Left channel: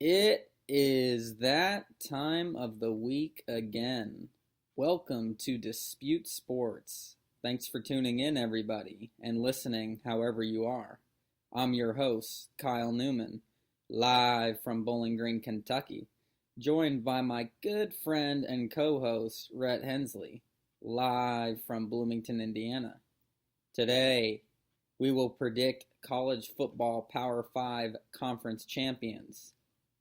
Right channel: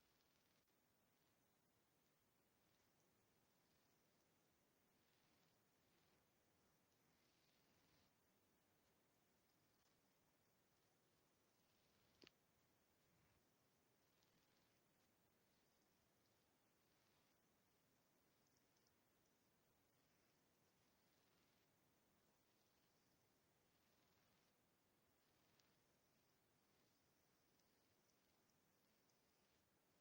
It is that time of the week again. Welcome to Dispute Sports. Thanks for tuning in, everybody, and listening however you are. I'm your host, Kyle Neumann, live from Bowling Green, Kentucky, joined by my good friend and co-host, Rhett Hensley, live from Bloomington, Indiana. Today, we will predict college football Power 5 conference champions.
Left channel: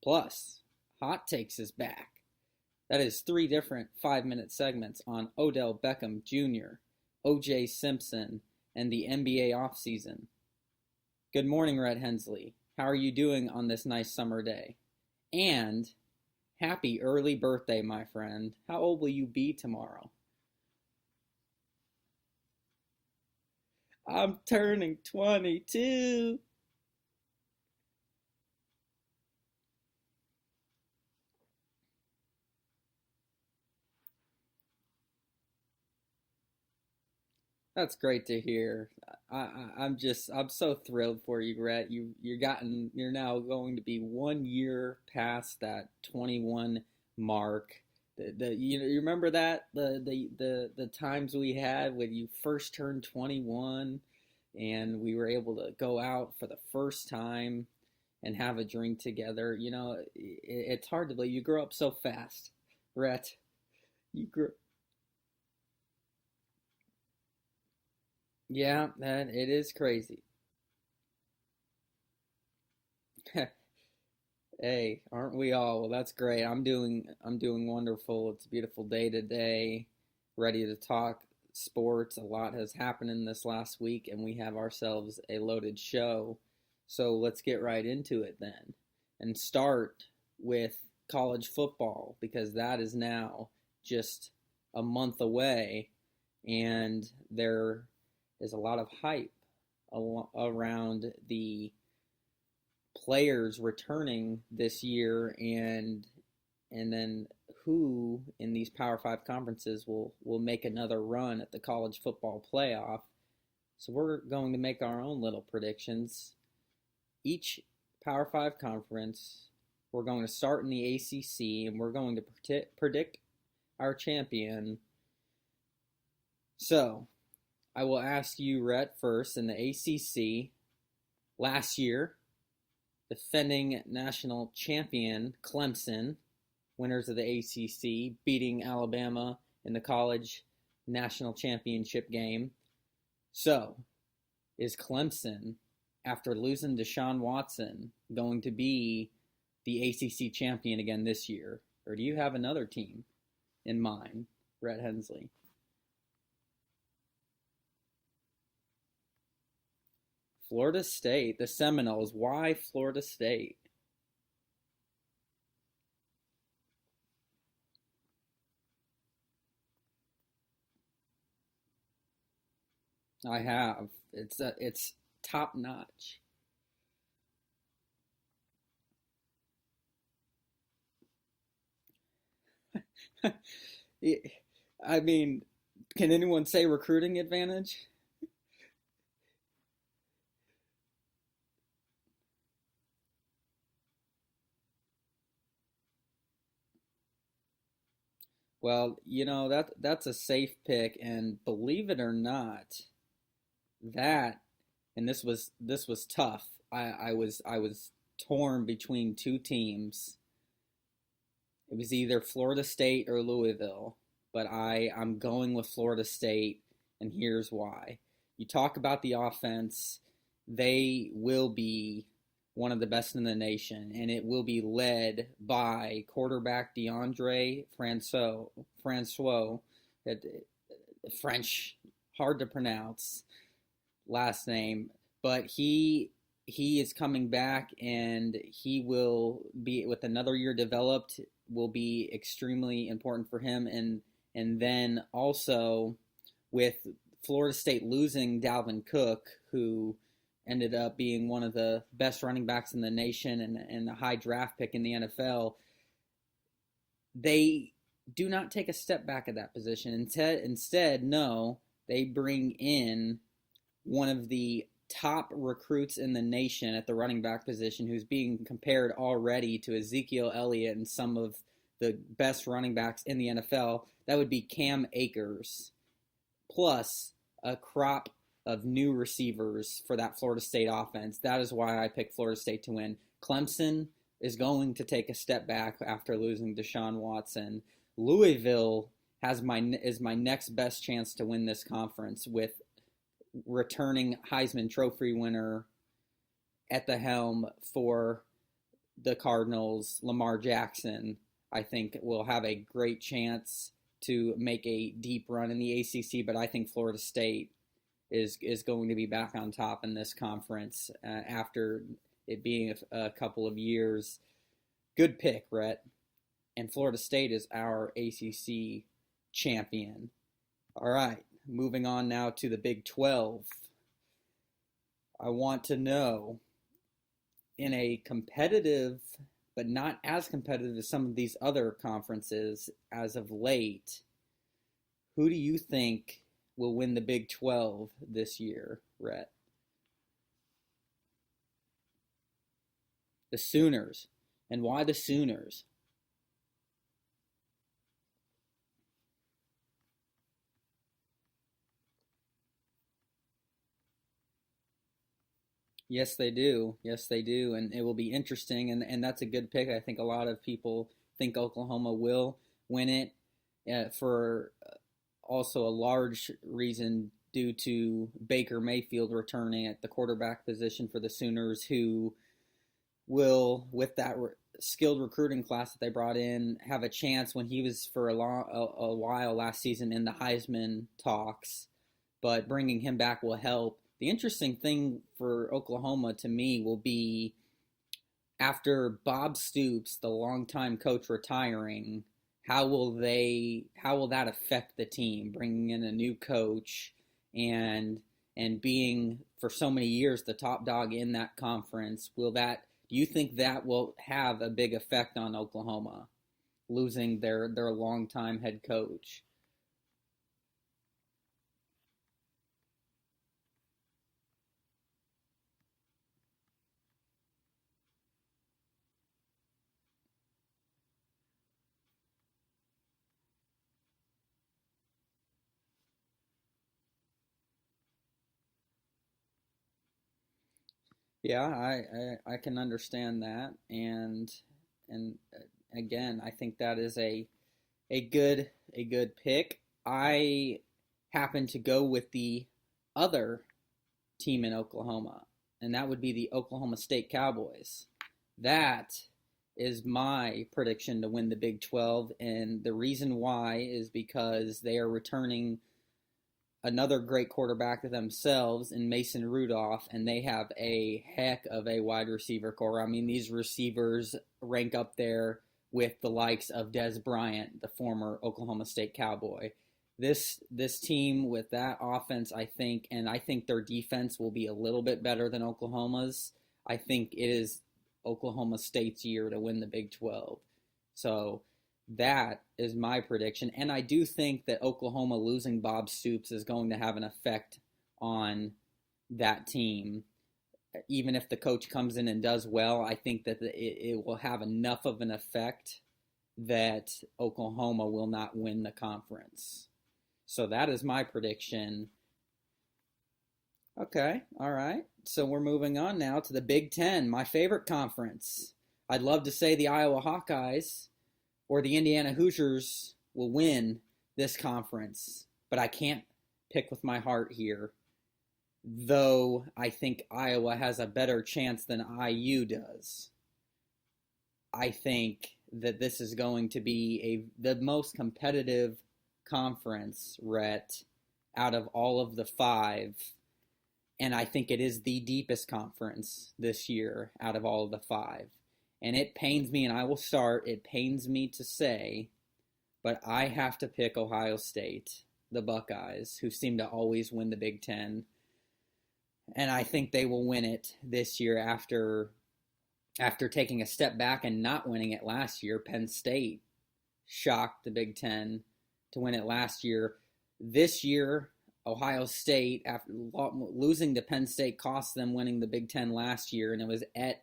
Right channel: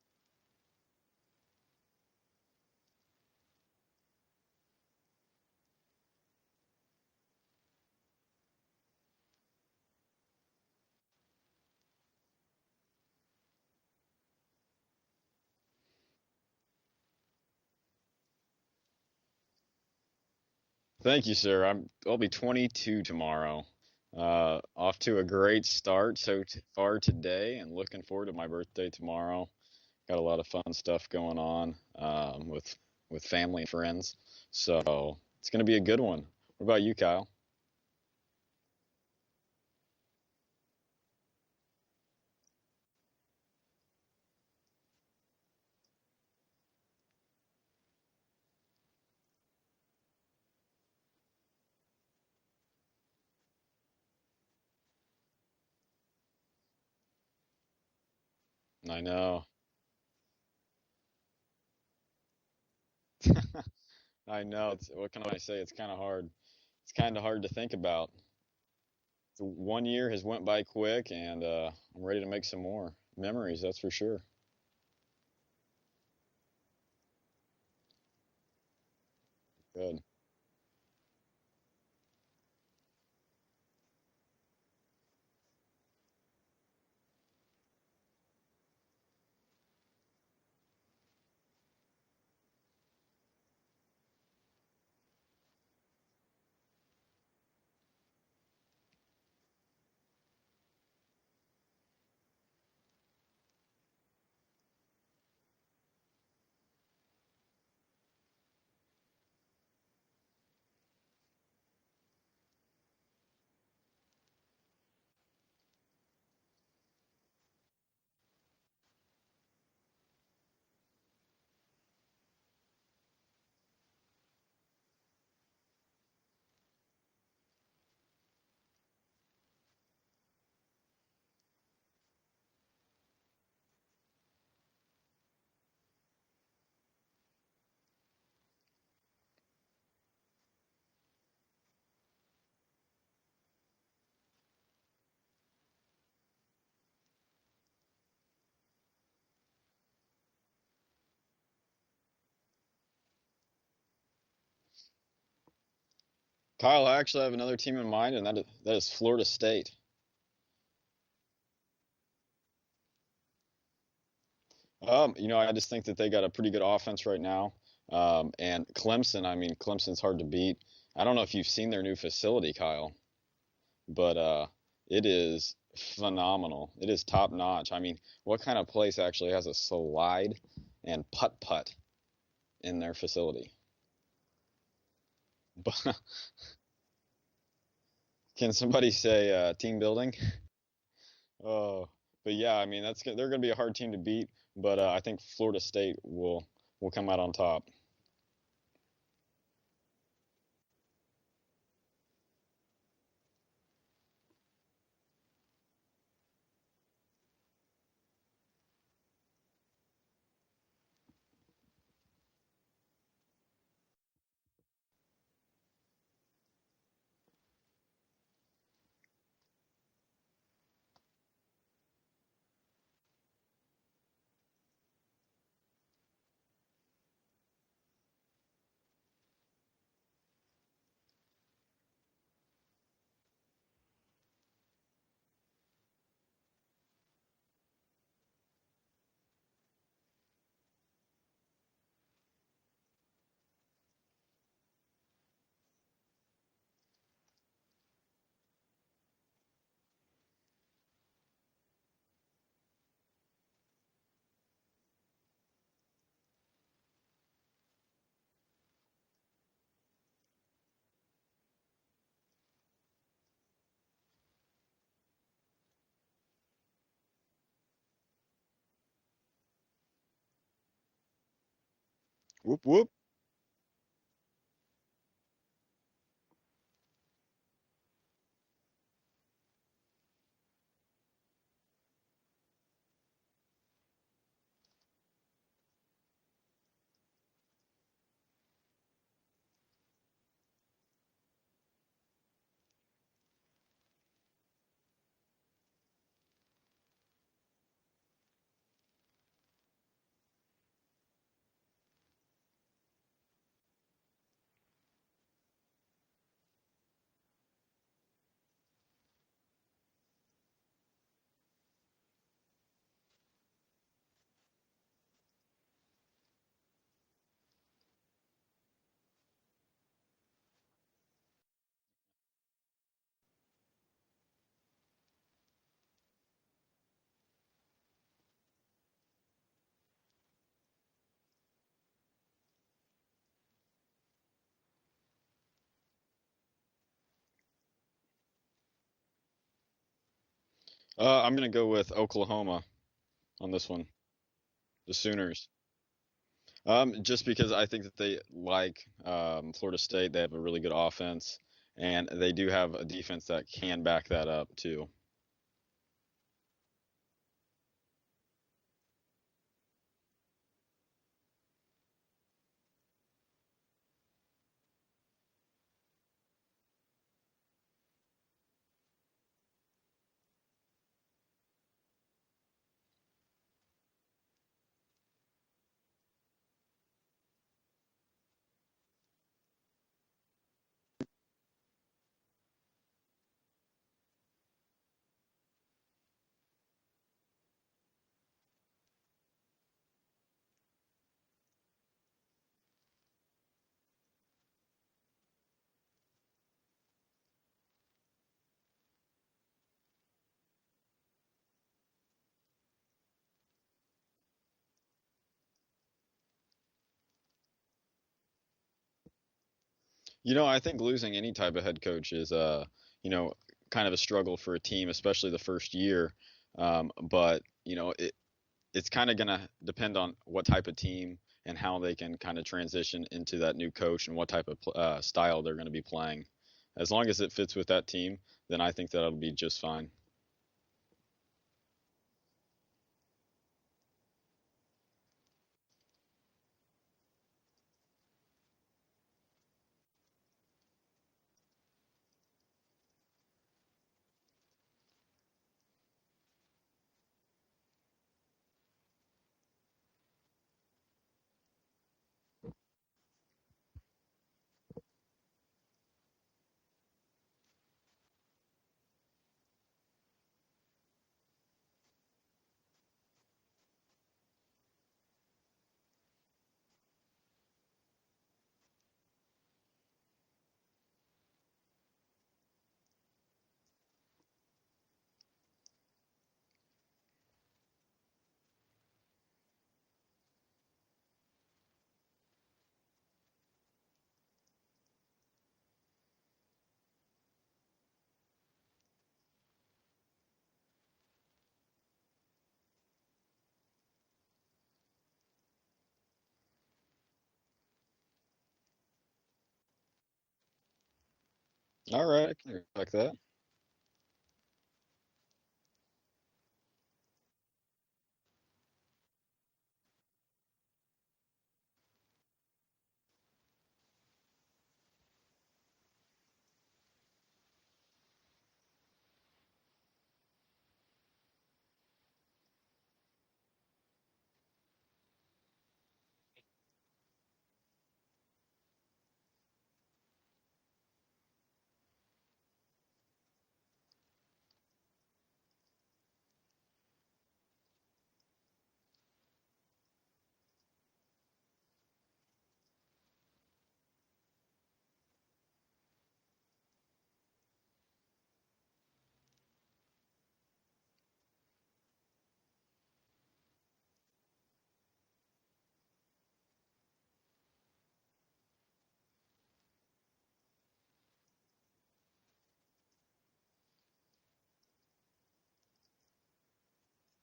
Plus, Hot Takes is back. That is 3 different 5-minute segments on Odell Beckham Jr., O.J. Simpson, and the NBA offseason. Good morning, Rhett Hensley. How are you doing on this nice summer day? And happy early birthday, my friend. How old will you be tomorrow? Thank you, sir. I'll be 22 tomorrow. I'm turning Off to a great start 22. far today, and looking forward to my birthday tomorrow. Got a lot of fun stuff going on with family and friends, so it's going to be a good one. What about you, Kyle? That's great to hear. I'm so thrilled for you, Rhett. You're now going to be 1 year past that 21 mark. You remember that the times we had when you first turned 21, and we were able to go out for the first time and have a drink I know. together. It's hard to believe you grow up so fast, Rhett. You I grew, know. What can I say? It's kind of hard. It's kind of hard to think about. yeah, that it is 1 year crazy. has went by quick, and I'm ready to make some more memories. That's for sure. Hey, aren't we all? Well, that's great. I'm doing wonderful. It's a beautiful day today. Good. Ready to talk sports. A lot has happened in this last week, and we have ourselves a loaded show. So let's get right into it then, and start with college football because that is now just a month away, and there is a lot of hype around the players returning this year, and then who in these Power 5 conferences will make another run at the college football playoff. So we're going to make our own little predictions. Each Power 5 conference, we're going to start in the ACC, and we're going to predict our champion. So I will ask you, Rhett, first in the ACC. Last year, defending national champion Clemson, winners of the ACC, beating Alabama in the college national championship game. So, is Clemson, after losing Deshaun Watson, going to be the ACC champion again this year? Or do you have another team in mind, Rhett Hensley? Kyle, I actually have another team in mind, and that is Florida State. Florida State, the Seminoles. Why Florida State? I just think that they got a pretty good offense right now. And Clemson, I mean, Clemson's hard to beat. I don't know if you've seen their new facility, Kyle, I have. but It's it top is notch. phenomenal. It is top notch. I mean, what kind of place actually has a slide and putt-putt in their facility? I mean, But can anyone say recruiting advantage? can somebody say team building? Oh, but yeah, I mean, they're going to be a hard team to beat, but I think Florida State will come out on top. Well, that's a safe pick, and believe it or not, that and this was tough. I was torn between two teams. It was either Florida State or Louisville, but I'm going with Florida State, and here's why. You talk about the offense, they will be one of the best in the nation, and it will be led by quarterback DeAndre Francois, French, hard to pronounce last name, but he is coming back, and he will be with another year developed, will be extremely important for him, and then also with Florida State losing Dalvin Cook, who ended up being one of the best running backs in the nation and a high draft pick in the NFL, they do not take a step back at that position. Instead, no, they bring in one of the top recruits in the nation at the running back position, who's being compared already to Ezekiel Elliott and some of the best running backs in the NFL. That would be Cam Akers, plus a crop of new receivers for that Florida State offense. That is why I picked Florida State to win. Clemson is going to take a step back after losing Deshaun Watson. Louisville is my next best chance to win this conference, with returning Heisman Trophy winner at the helm for the Cardinals, Lamar Jackson. I think will have a great chance to make a deep run in the ACC, but I think Florida State is going to be back on top in this conference after it being a couple of years. Good pick, Rhett. And Florida State is our ACC champion. All right, moving on now to the Big 12. I want to know, in a competitive but not as competitive as some of these other conferences as of late, who do you think will win the Big 12 this year, Rhett? I'm going to go with Oklahoma. The Sooners. And why the Sooners? Just because I think that they, like Florida State, they have a really good offense, and they do have a defense that can back that up too. Yes, they do. Yes, they do. And it will be interesting, and that's a good pick. I think a lot of people think Oklahoma will win it for also a large reason due to Baker Mayfield returning at the quarterback position for the Sooners, who will, with that skilled recruiting class that they brought in, have a chance when he was for a while last season in the Heisman talks. But bringing him back will help. The interesting thing for Oklahoma to me will be, after Bob Stoops, the longtime coach, retiring, how will that affect the team? Bringing in a new coach and being for so many years the top dog in that conference, do you think that will have a big effect on Oklahoma, losing their longtime head coach? I think losing any type of head coach is kind of a struggle for a team, especially the first year. But it's kind of going to depend on what type of team and how they can kind of transition into that new coach and what type of style they're going to be playing. As long as it fits with that team, then I think that'll be just fine. Yeah, I can understand that, and again, I think that is a good pick. I happen to go with the other team in Oklahoma, and that would be the Oklahoma State Cowboys. That is my prediction to win the Big 12, and the reason why is because they are returning another great quarterback themselves in Mason Rudolph, and they have a heck of a wide receiver core. I mean, these receivers rank up there with the likes of Dez Bryant, the former Oklahoma State Cowboy. This team with that offense, I think their defense will be a little bit better than Oklahoma's. I think it is Oklahoma State's year to win the Big 12. So that is my prediction. And I do think that Oklahoma losing Bob Stoops is going to have an effect on that team. Even if the coach comes in and does well, I think that it will have enough of an effect that Oklahoma will not win the conference. So that is my prediction. All right, I can respect that. Okay, all right. So we're moving on now to the Big Ten, my favorite conference. I'd love to say the Iowa Hawkeyes or the Indiana Hoosiers will win this conference, but I can't pick with my heart here, though I think Iowa has a better chance than IU does. I think that this is going to be the most competitive conference, Rhett, out of all of the five, and I think it is the deepest conference this year out of all of the five. And it pains me, and I will start, it pains me to say, but I have to pick Ohio State, the Buckeyes, who seem to always win the Big Ten. And I think they will win it this year after taking a step back and not winning it last year. Penn State shocked the Big Ten to win it last year. This year, Ohio State, after losing to Penn State, cost them winning the Big Ten last year, and it was at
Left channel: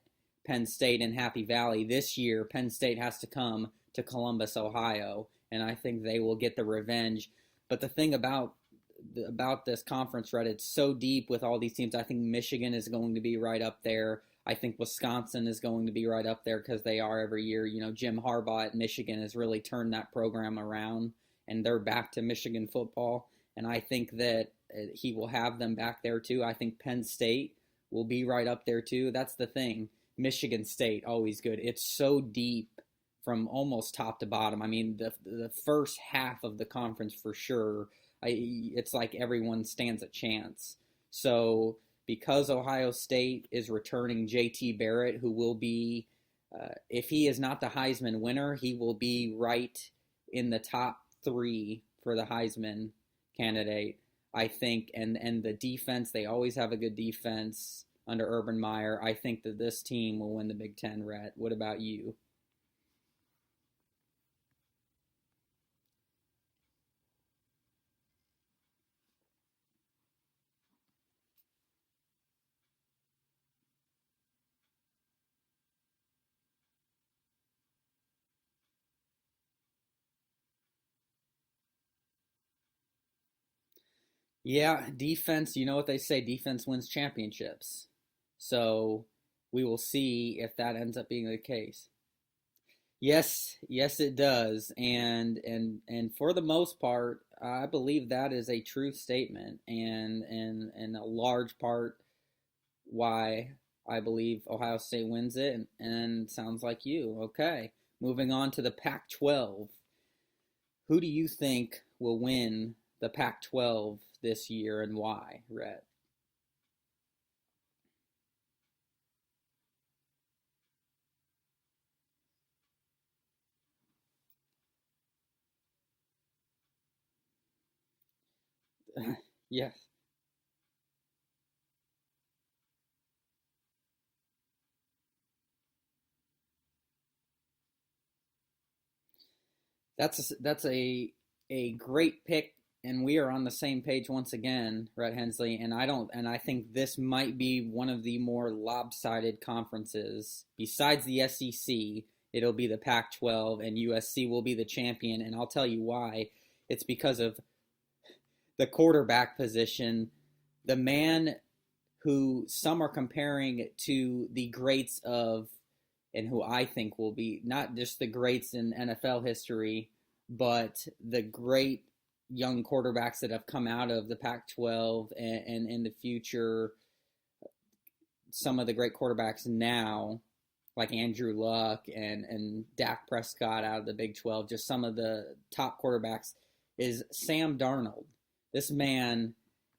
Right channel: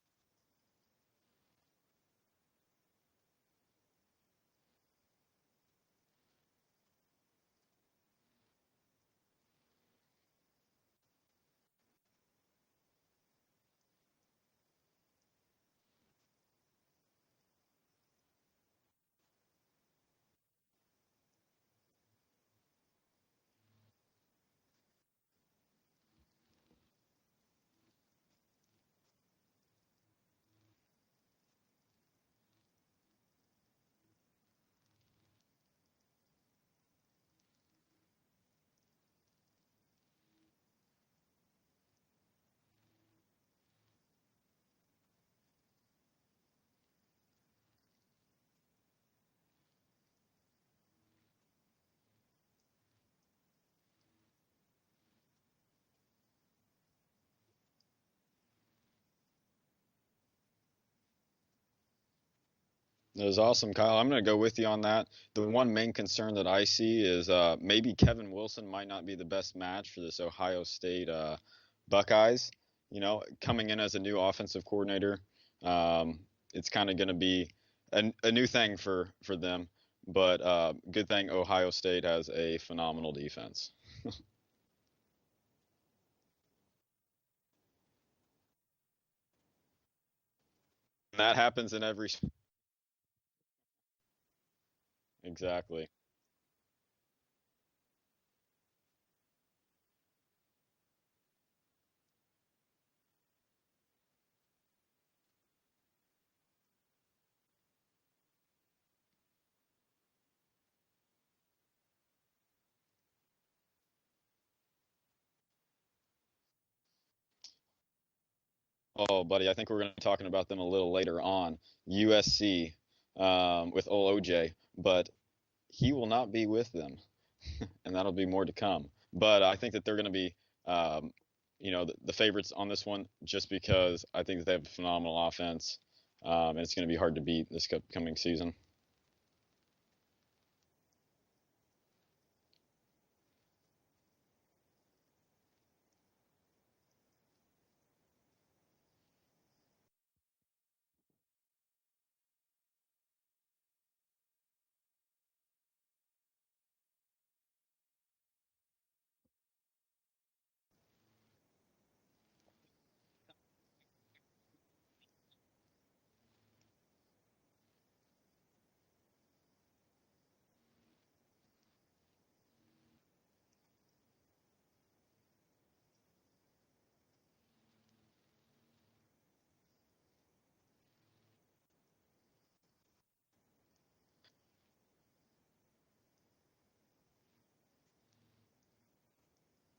Penn State in Happy Valley. This year, Penn State has to come to Columbus, Ohio, and I think they will get the revenge. But the thing about this conference, Rhett, it's so deep with all these teams. I think Michigan is going to be right up there. I think Wisconsin is going to be right up there because they are every year. You know, Jim Harbaugh at Michigan has really turned that program around, and they're back to Michigan football. And I think that he will have them back there too. I think Penn State will be right up there too. That's the thing. Michigan State, always good. It's so deep from almost top to bottom. I mean, the first half of the conference for sure, it's like everyone stands a chance. So because Ohio State is returning J.T. Barrett, who will be, if he is not the Heisman winner, he will be right in the top 3 for the Heisman candidate, I think. And the defense, they always have a good defense under Urban Meyer. I think that this team will win the Big Ten, Rhett. What about you? That was awesome, Kyle. I'm going to go with you on that. The one main concern that I see is maybe Kevin Wilson might not be the best match for this Ohio State Buckeyes. You know, coming in as a new offensive coordinator, it's kind of going to be a new thing for them. But good thing Ohio State has a phenomenal defense. Yeah, defense, you know what they say, defense wins championships. So we will see if that ends up being that the happens case. in every. Yes, it does. And exactly. and for the most part, I believe that is a true statement, and a large part why I believe Ohio State wins it, and sounds like you. Okay, moving on to the Pac-12. Who do you think will win the Pac-12 this year, and why, Rhett? Oh, buddy, I think we're going to be talking about them a little later on. USC with old OJ, but he will not be with them, and that'll be more to come. But I think that they're going to be, the favorites on this one, just because I think that they have a phenomenal offense, and it's going to be hard to beat this coming season. That's a great pick, and we are on the same page once again, Rhett Hensley. And I think this might be one of the more lopsided conferences besides the SEC. It'll be the Pac-12, and USC will be the champion. And I'll tell you why. It's because of the quarterback position. The man who some are comparing to the greats of, and who I think will be not just the greats in NFL history, but the great young quarterbacks that have come out of the Pac-12 and in the future, some of the great quarterbacks now, like Andrew Luck and Dak Prescott out of the Big 12, just some of the top quarterbacks, is Sam Darnold. This man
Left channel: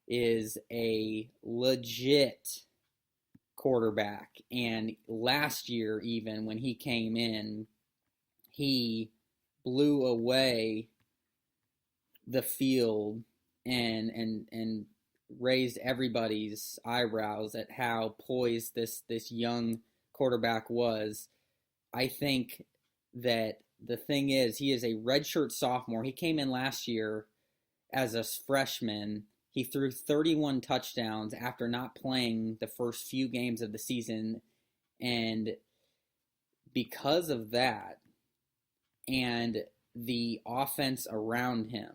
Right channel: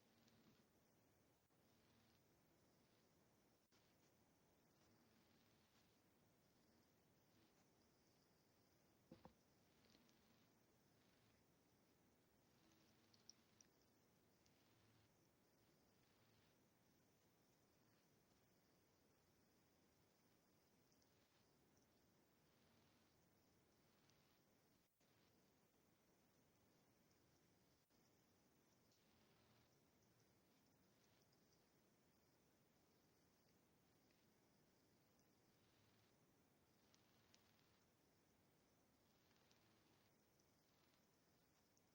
is a legit quarterback, and last year, even when he came in, he blew away the field and raised everybody's eyebrows at how poised this young quarterback was. I think that the thing is, he is a redshirt sophomore. He came in last year as a freshman. He threw 31 touchdowns after not playing the first few games of the season. And because of that and the offense around him,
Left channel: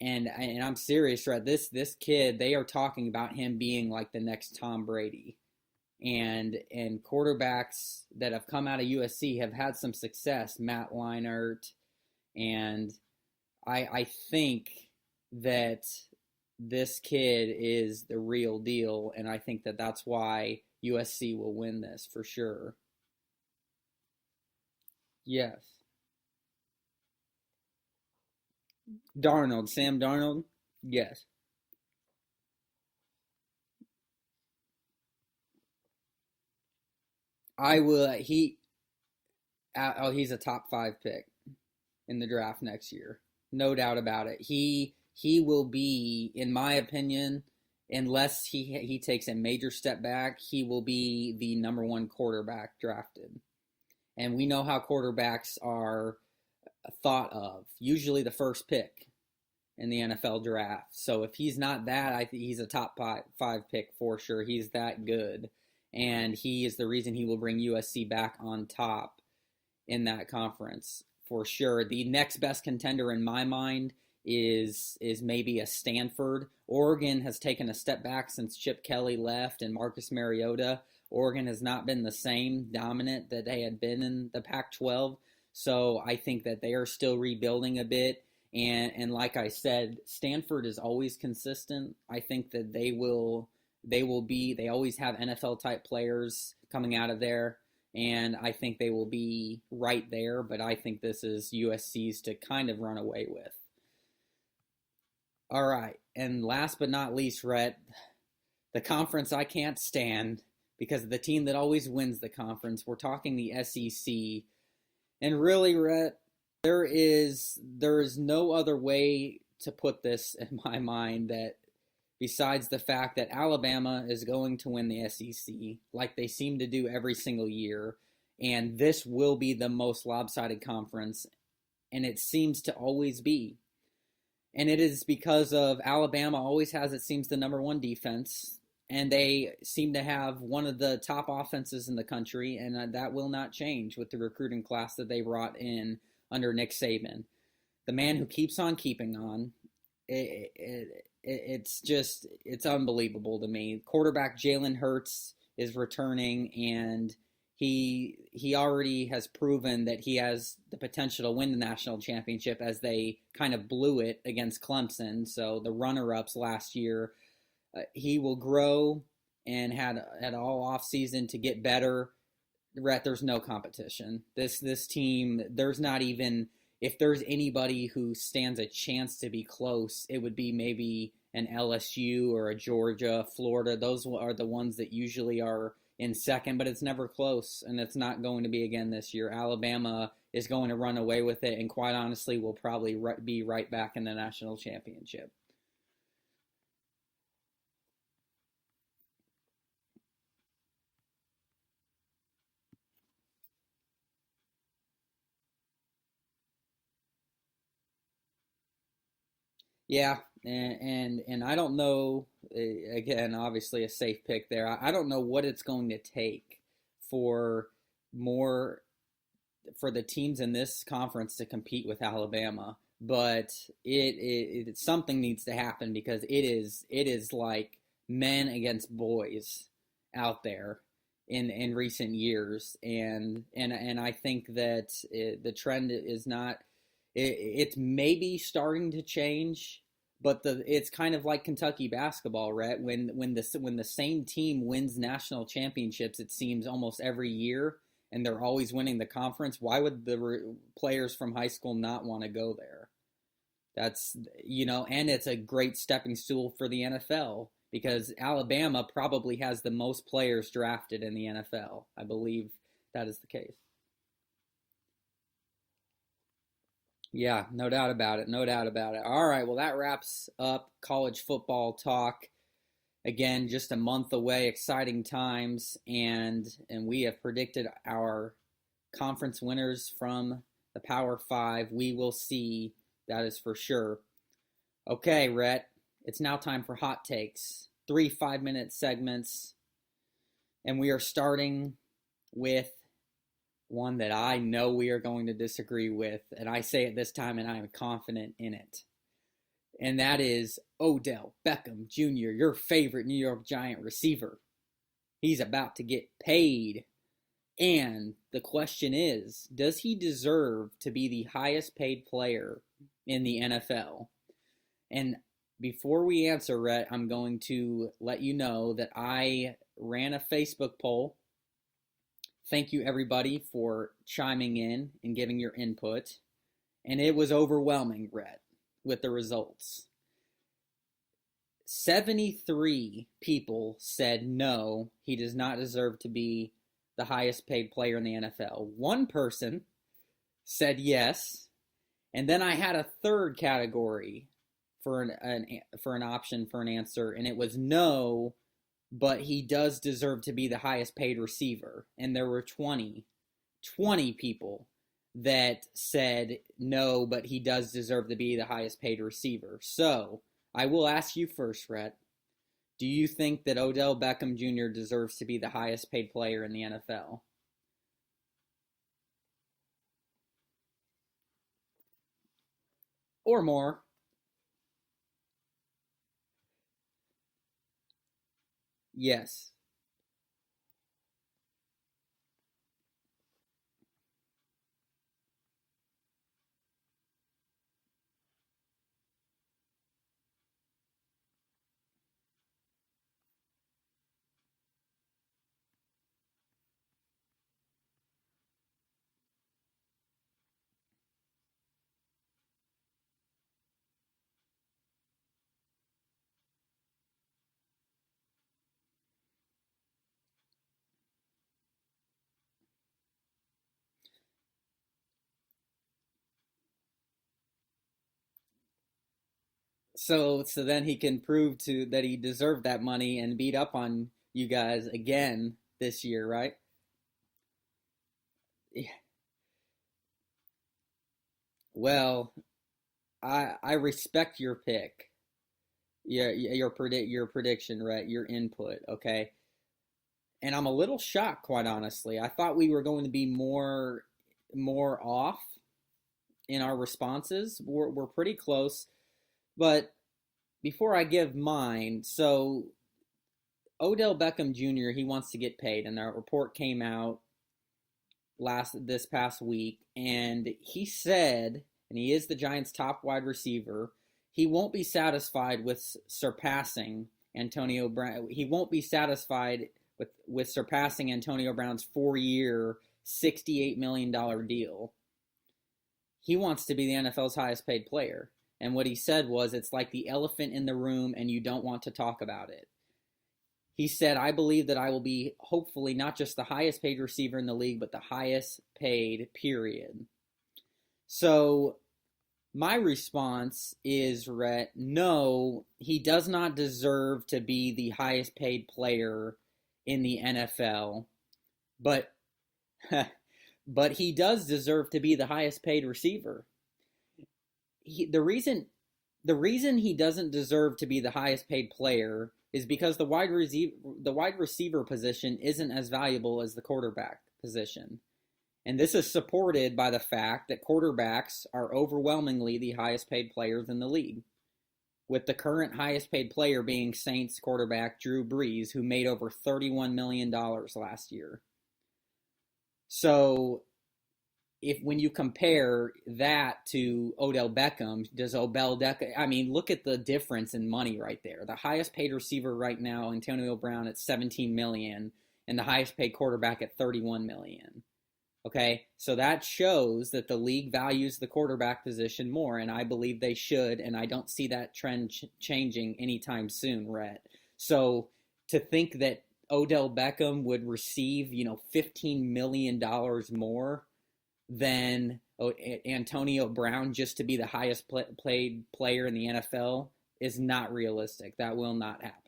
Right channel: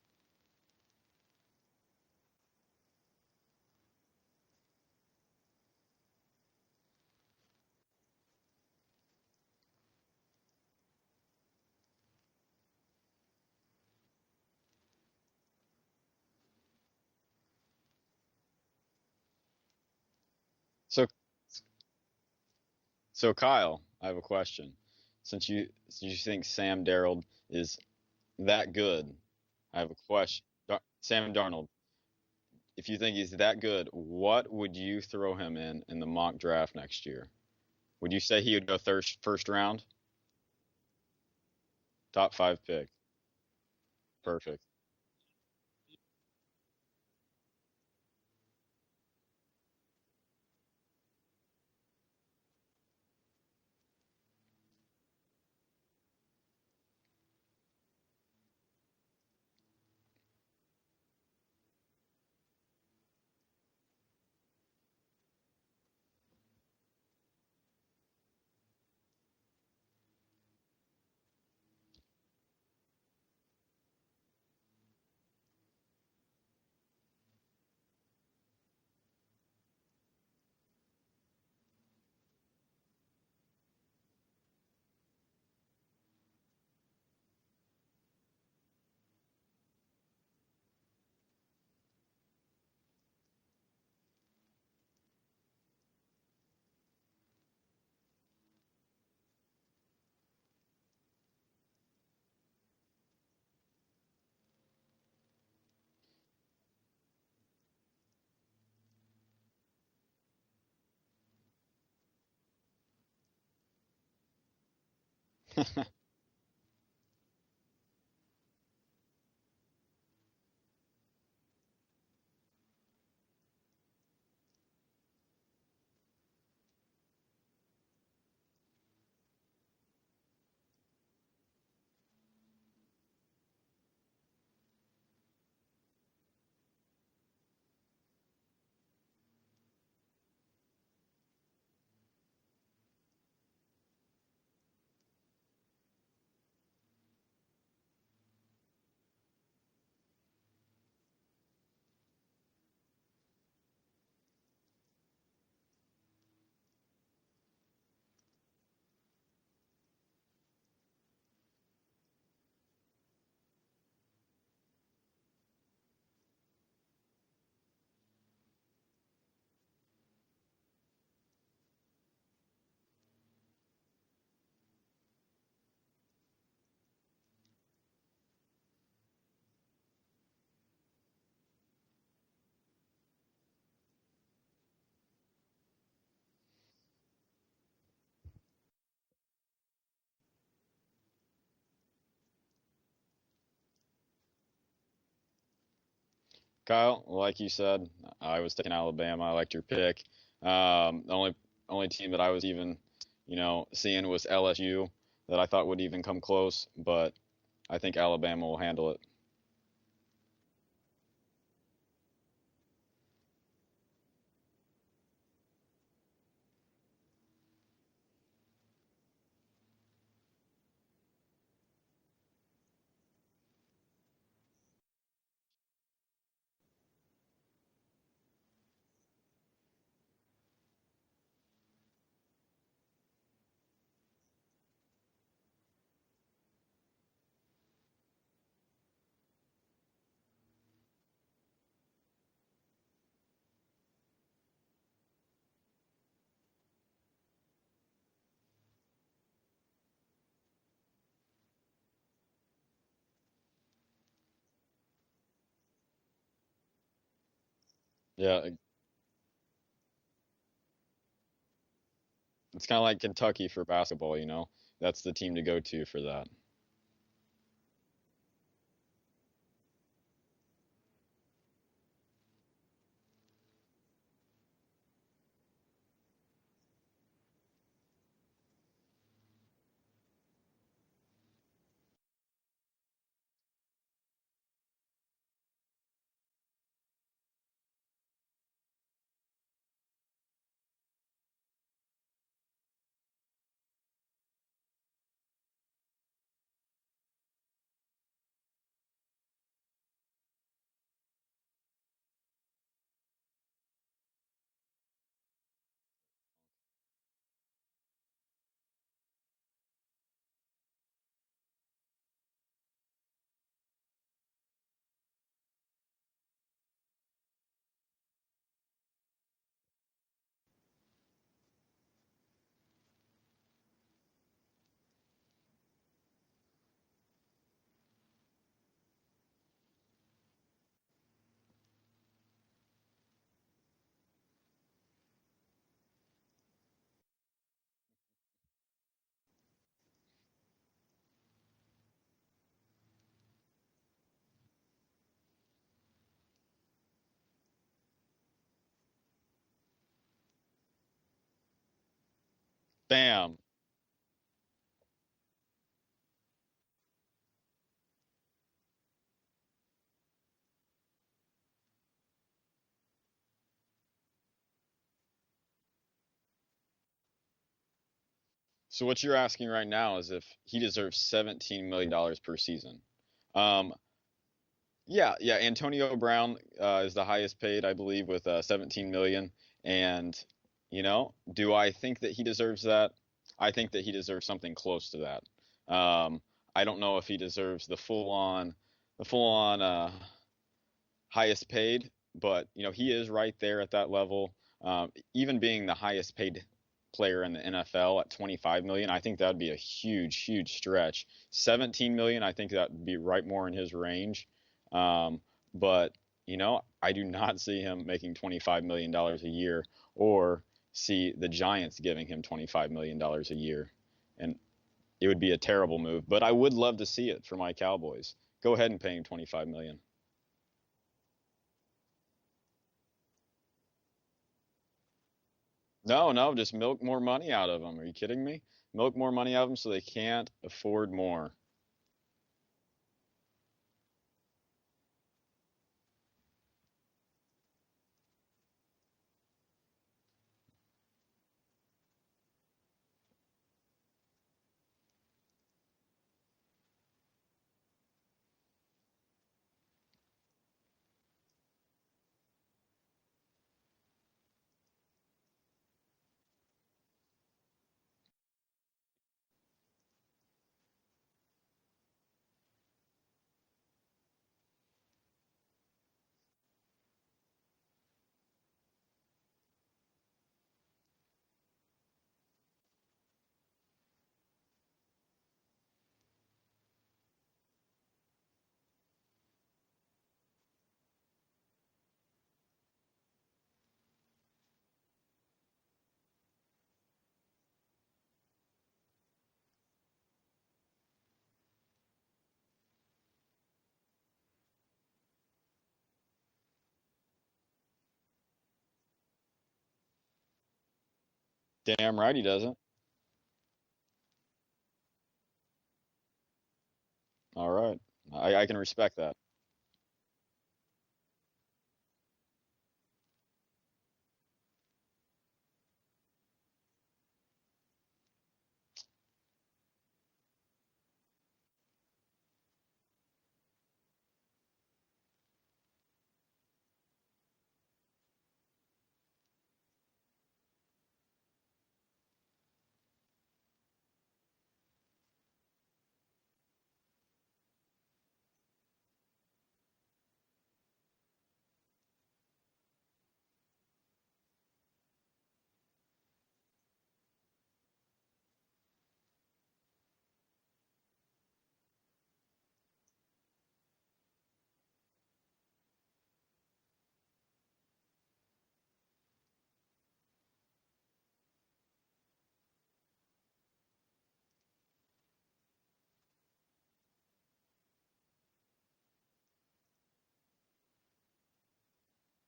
and I'm serious, right? This kid, they are talking about him being like the next Tom Brady. And quarterbacks that have come out of USC have had some success, Matt Leinart, and I think that this kid is the real deal, and I think that that's why USC will win this for sure. So Kyle, I have a question. Since you think Sam Darnold is that good? Sam Darnold? Yes. Sam Darnold. If you think he's that good, what would you throw him in the mock draft next year? I will. Would you say he would go first round? He's a top 5 pick in top the draft next year. No doubt about it. He will be, in my opinion, unless he takes a major step back, he will be the number 1 quarterback drafted. And we know how quarterbacks are thought of. Usually the first pick. in the NFL draft. So if he's not that, I think he's a top five pick for sure. He's that good. And he is the reason he will bring USC back on top in that conference for sure. The next best contender in my mind is maybe a Stanford. Oregon has taken a step back since Chip Kelly left and Marcus Mariota. Oregon has not been the same dominant that they had been in the Pac-12. So I think that they are still rebuilding a bit. And like I said, Stanford is always consistent. I think that they always have NFL type players coming out of there. And I think they will be right there. But I think this is USC's to kind of run away with. All right. And last but not least, Rhett, the conference I can't stand because of the team that always wins the conference. We're talking the SEC. And really, Rhett, there is no other way to put this in my mind that besides the fact that Alabama is going to win the SEC like they seem to do every single year. And this will be the most lopsided conference. And it seems to always be. And it is because of Alabama always has, it seems, the number one defense. And they seem to have one of the top offenses in the country. And that will not change with the recruiting class that they brought in under Nick Saban. The man who keeps on keeping on. It's unbelievable to me. Quarterback Jalen Hurts is returning, and he already has proven that he has the potential to win the national championship as they kind of blew it against Clemson. So the runner-ups last year, he will grow and had all offseason to get better. Rhett, there's no competition. This team, there's not even, if there's anybody who stands a chance to be close, it would be maybe an LSU or a Georgia, Florida. Those are the ones that usually are in second, but it's never close, and it's not going to be again this year. Alabama is going to run away with it, and quite honestly, will probably be right back in the national championship. Kyle, like you said, I was taking Alabama. I liked your pick. The only team that I was even, seeing was LSU that I thought would even come close, but I think Alabama will handle it. Yeah, and I don't know, again, obviously a safe pick there. I don't know what it's going to take for the teams in this conference to compete with Alabama, but it something needs to happen because it is like men against boys out there in recent years, and I think that the trend is not. It's maybe starting to change, but it's kind of like Kentucky basketball, right? When the same team wins national championships, it seems almost every year, and they're always winning the conference. Why would the players from high school not want to go there? That's and it's a great stepping stool for the NFL because Alabama probably has the most players drafted in the NFL, I believe. It's kind of like Kentucky for basketball, That's the team to go to for that. Yeah, no doubt about it. No doubt about it. All right, well, that wraps up college football talk. Again, just a month away, exciting times, and we have predicted our conference winners from the Power 5. We will see, that is for sure. Okay, Rhett, it's now time for hot takes. 3 5-minute segments, and we are starting with one that I know we are going to disagree with, and I say it this time, and I am confident in it. And that is Odell Beckham Jr., your favorite New York Giant receiver. He's about to get paid. And the question is, does he deserve to be the highest paid player in the NFL? And before we answer, Rhett, I'm going to let you know that I ran a Facebook poll. Thank you, everybody, for chiming in and giving your input. And it was overwhelming, Rhett, with the results. 73 people said no, he does not deserve to be the highest paid player in the NFL. One person said yes. And then I had a third category for an option for an answer, and it was no, but he does deserve to be the highest paid receiver. And there were 20 people that said no, but he does deserve to be the highest paid receiver. So I will ask you first, Rhett. Do you think that Odell Beckham Jr. deserves to be the highest paid player in the NFL? So what you're asking right now is if he deserves $17 million per season. Or Um, more? yeah. Antonio Brown is the highest paid, I believe, with 17 million. Yes. And do I think that he deserves that? I think that he deserves something close to that. I don't know if he deserves the full on highest paid, but he is right there at that level. Even being the highest paid player in the NFL at 25 million, I think that would be a huge stretch. 17 million, I think that would be right more in his range. But I do not see him making $25 million a year, or see the Giants giving him $25 million a year, and it would be a terrible move. But I would love to see it for my Cowboys. Go ahead and pay him 25 million. So then he can prove that he deserved that money and beat up on you guys again this No, year, no, right? just milk more money out of them. Are you kidding me? Yeah. Milk more money out of them so they can't afford more. Well, I respect your pick. Yeah, your prediction, right? Your input, okay? And I'm a little shocked, quite honestly. I thought we were going to be more off in our responses. We're pretty close. But before I give mine, so Odell Beckham Jr., he wants to get paid, and that report came out this past week, and he said, and he is the Giants' top wide receiver, he won't be satisfied with surpassing Antonio Brown. He won't be satisfied with surpassing Antonio Brown's 4-year, $68 million deal. He wants to be the NFL's highest paid player. And what he said was, it's like the elephant in the room and you don't want to talk about it. He said, I believe that I will be hopefully not just the highest paid receiver in the league, but the highest paid, period. So my response is, Rhett, no, he does not deserve to be the highest paid player in the NFL. Damn right he doesn't. But he does deserve to be the highest paid receiver. All right. I can respect that. The reason he doesn't deserve to be the highest paid player is because the wide receiver position isn't as valuable as the quarterback position. And this is supported by the fact that quarterbacks are overwhelmingly the highest paid players in the league, with the current highest paid player being Saints quarterback Drew Brees, who made over $31 million last year. So when you compare that to Odell Beckham, look at the difference in money right there. The highest paid receiver right now, Antonio Brown, at $17 million, and the highest paid quarterback at $31 million. Okay, so that shows that the league values the quarterback position more, and I believe they should, and I don't see that trend changing anytime soon, Rhett. So to think that Odell Beckham would receive, $15 million more than Antonio Brown just to be the highest paid player in the NFL is not realistic. That will not happen.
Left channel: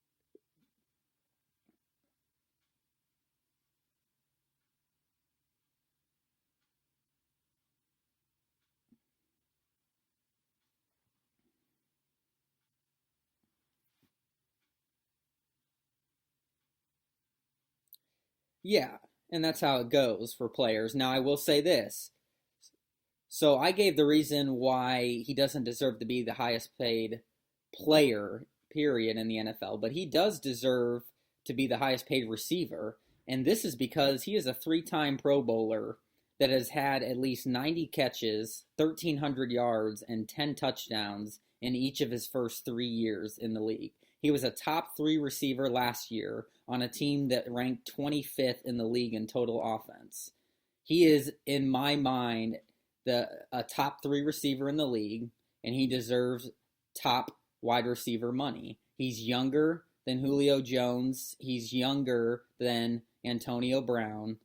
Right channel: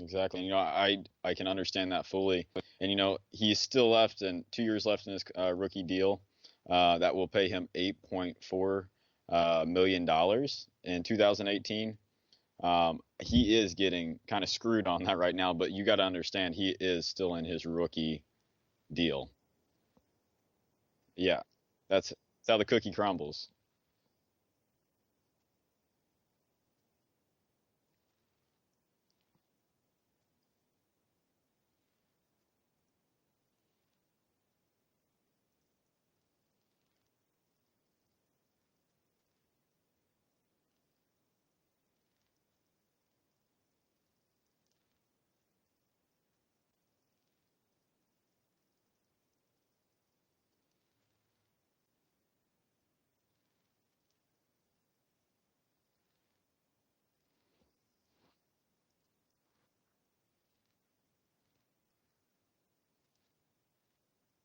Exactly. I can understand that fully. And he's still left and 2 years left in his rookie deal. That will pay him $8.4 million in 2018. He is getting kind of screwed on that right now, but you got to understand he is still in his rookie deal. And that's how it goes for players. Now, I will say this. That's how the cookie crumbles. So I gave the reason why he doesn't deserve to be the highest paid player, period, in the NFL, but he does deserve to be the highest paid receiver, and this is because he is a 3-time Pro Bowler that has had at least 90 catches, 1,300 yards, and 10 touchdowns in each of his first 3 years in the league. He was a top 3 receiver last year on a team that ranked 25th in the league in total offense. He is, in my mind, a top 3 receiver in the league, and he deserves top wide receiver money. He's younger than Julio Jones. He's younger than Antonio Brown.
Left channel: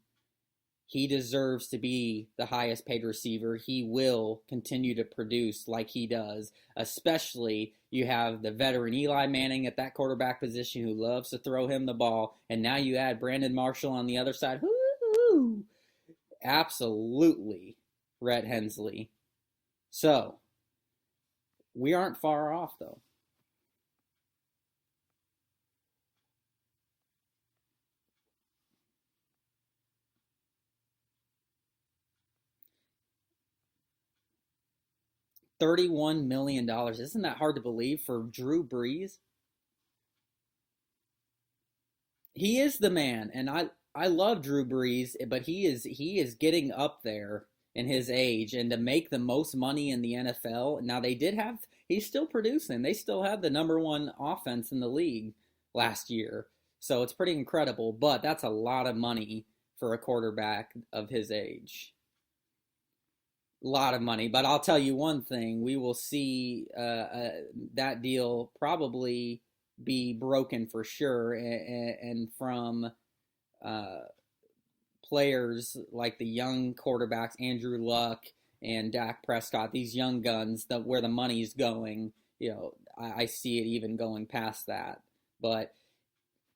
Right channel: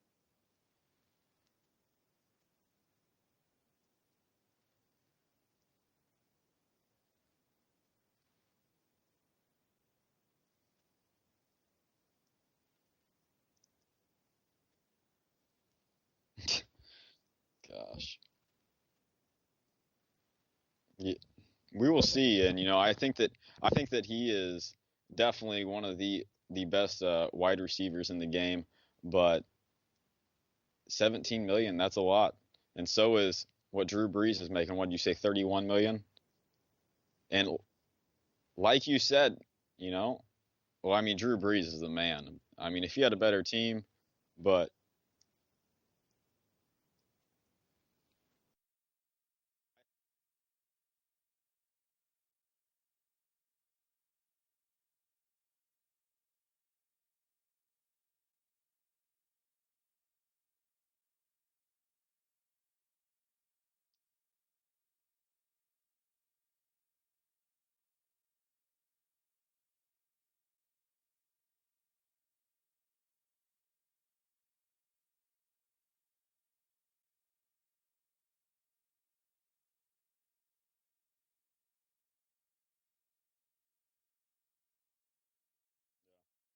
He deserves to be the highest paid receiver. He will continue to produce like he does, especially you have the veteran Eli Manning at that quarterback position who loves to throw him the ball, and now you add Brandon Marshall on the other side. Woo-hoo! Absolutely, Gosh. Rhett Hensley. So Yeah, we we will aren't see, far and off I there. think that he is definitely one of the best wide receivers in the game. But 17 million, that's a lot, and so is what Drew Brees is making. What did you say, 31 million? $31 million. Isn't that And hard to believe for Drew like you Brees? said, you know, well, I mean, Drew Brees is the man. He I is mean, the if he had a man, better and I team, I love Drew but Brees, but he is getting up there in his age, and to make the most money in the NFL. Now they did have he's still producing. They still have the number one offense in the league last year, so it's pretty incredible. But that's a lot of money for a quarterback of his age. A lot of money. But I'll tell you one thing: we will see that deal probably be broken for sure, and from uh, players like the young quarterbacks, Andrew Luck and Dak Prescott, these young guns, where the money's going, I see it even going past that. But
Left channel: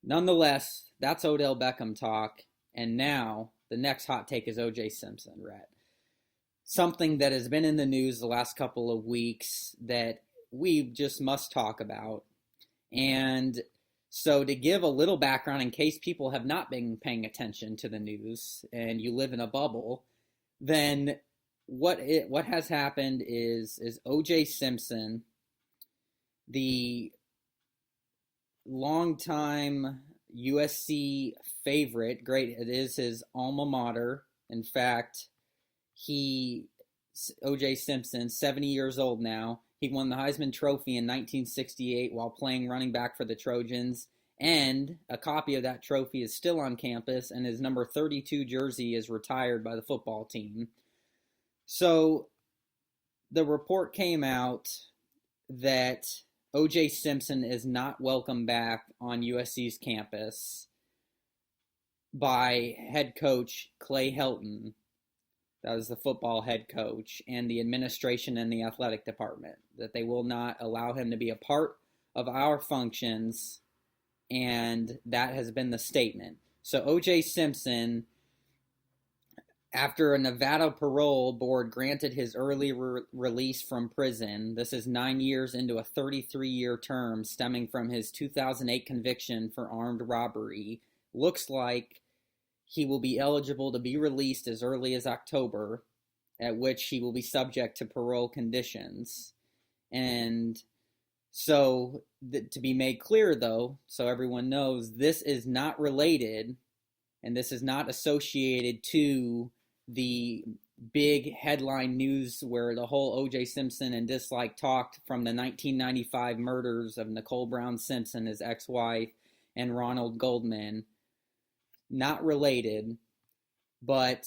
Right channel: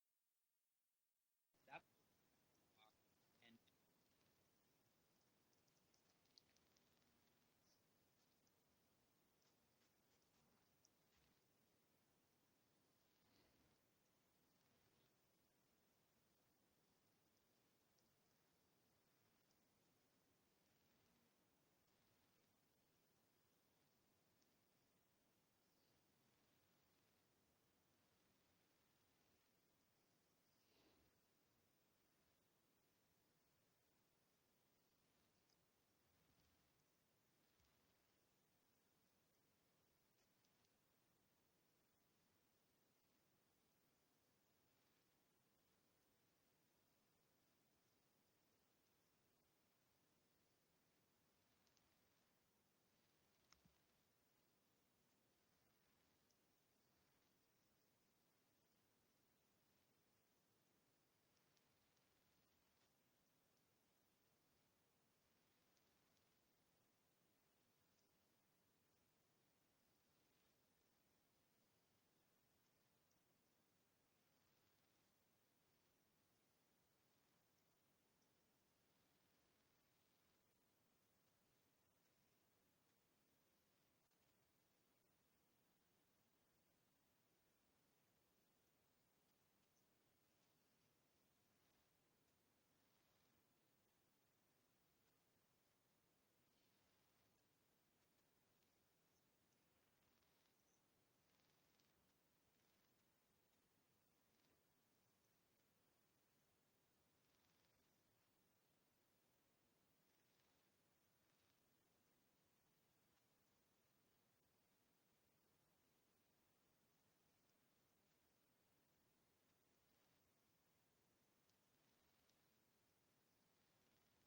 nonetheless, that's Odell Beckham talk. And now the next hot take is OJ Simpson, Rhett. Something that has been in the news the last couple of weeks that we just must talk about. And so, to give a little background in case people have not been paying attention to the news and you live in a bubble, then what has happened is OJ Simpson, the longtime USC favorite, great, it is his alma mater. In fact, he OJ Simpson, 70 years old now. He won the Heisman Trophy in 1968 while playing running back for the Trojans, and a copy of that trophy is still on campus, and his number 32 jersey is retired by the football team. So the report came out that OJ Simpson is not welcome back on USC's campus by head coach Clay Helton. That is the football head coach, and the administration and the athletic department, that they will not allow him to be a part of our functions, and that has been the statement. So OJ Simpson, after a Nevada parole board granted his early release from prison, this is 9 years into a 33-year term stemming from his 2008 conviction for armed robbery, looks like he will be eligible to be released as early as October, at which he will be subject to parole conditions. And so, to be made clear, though, so everyone knows, this is not related and this is not associated to the big headline news where the whole O.J. Simpson and dislike talked from the 1995 murders of Nicole Brown Simpson, his ex-wife, and Ronald Goldman. Not related, but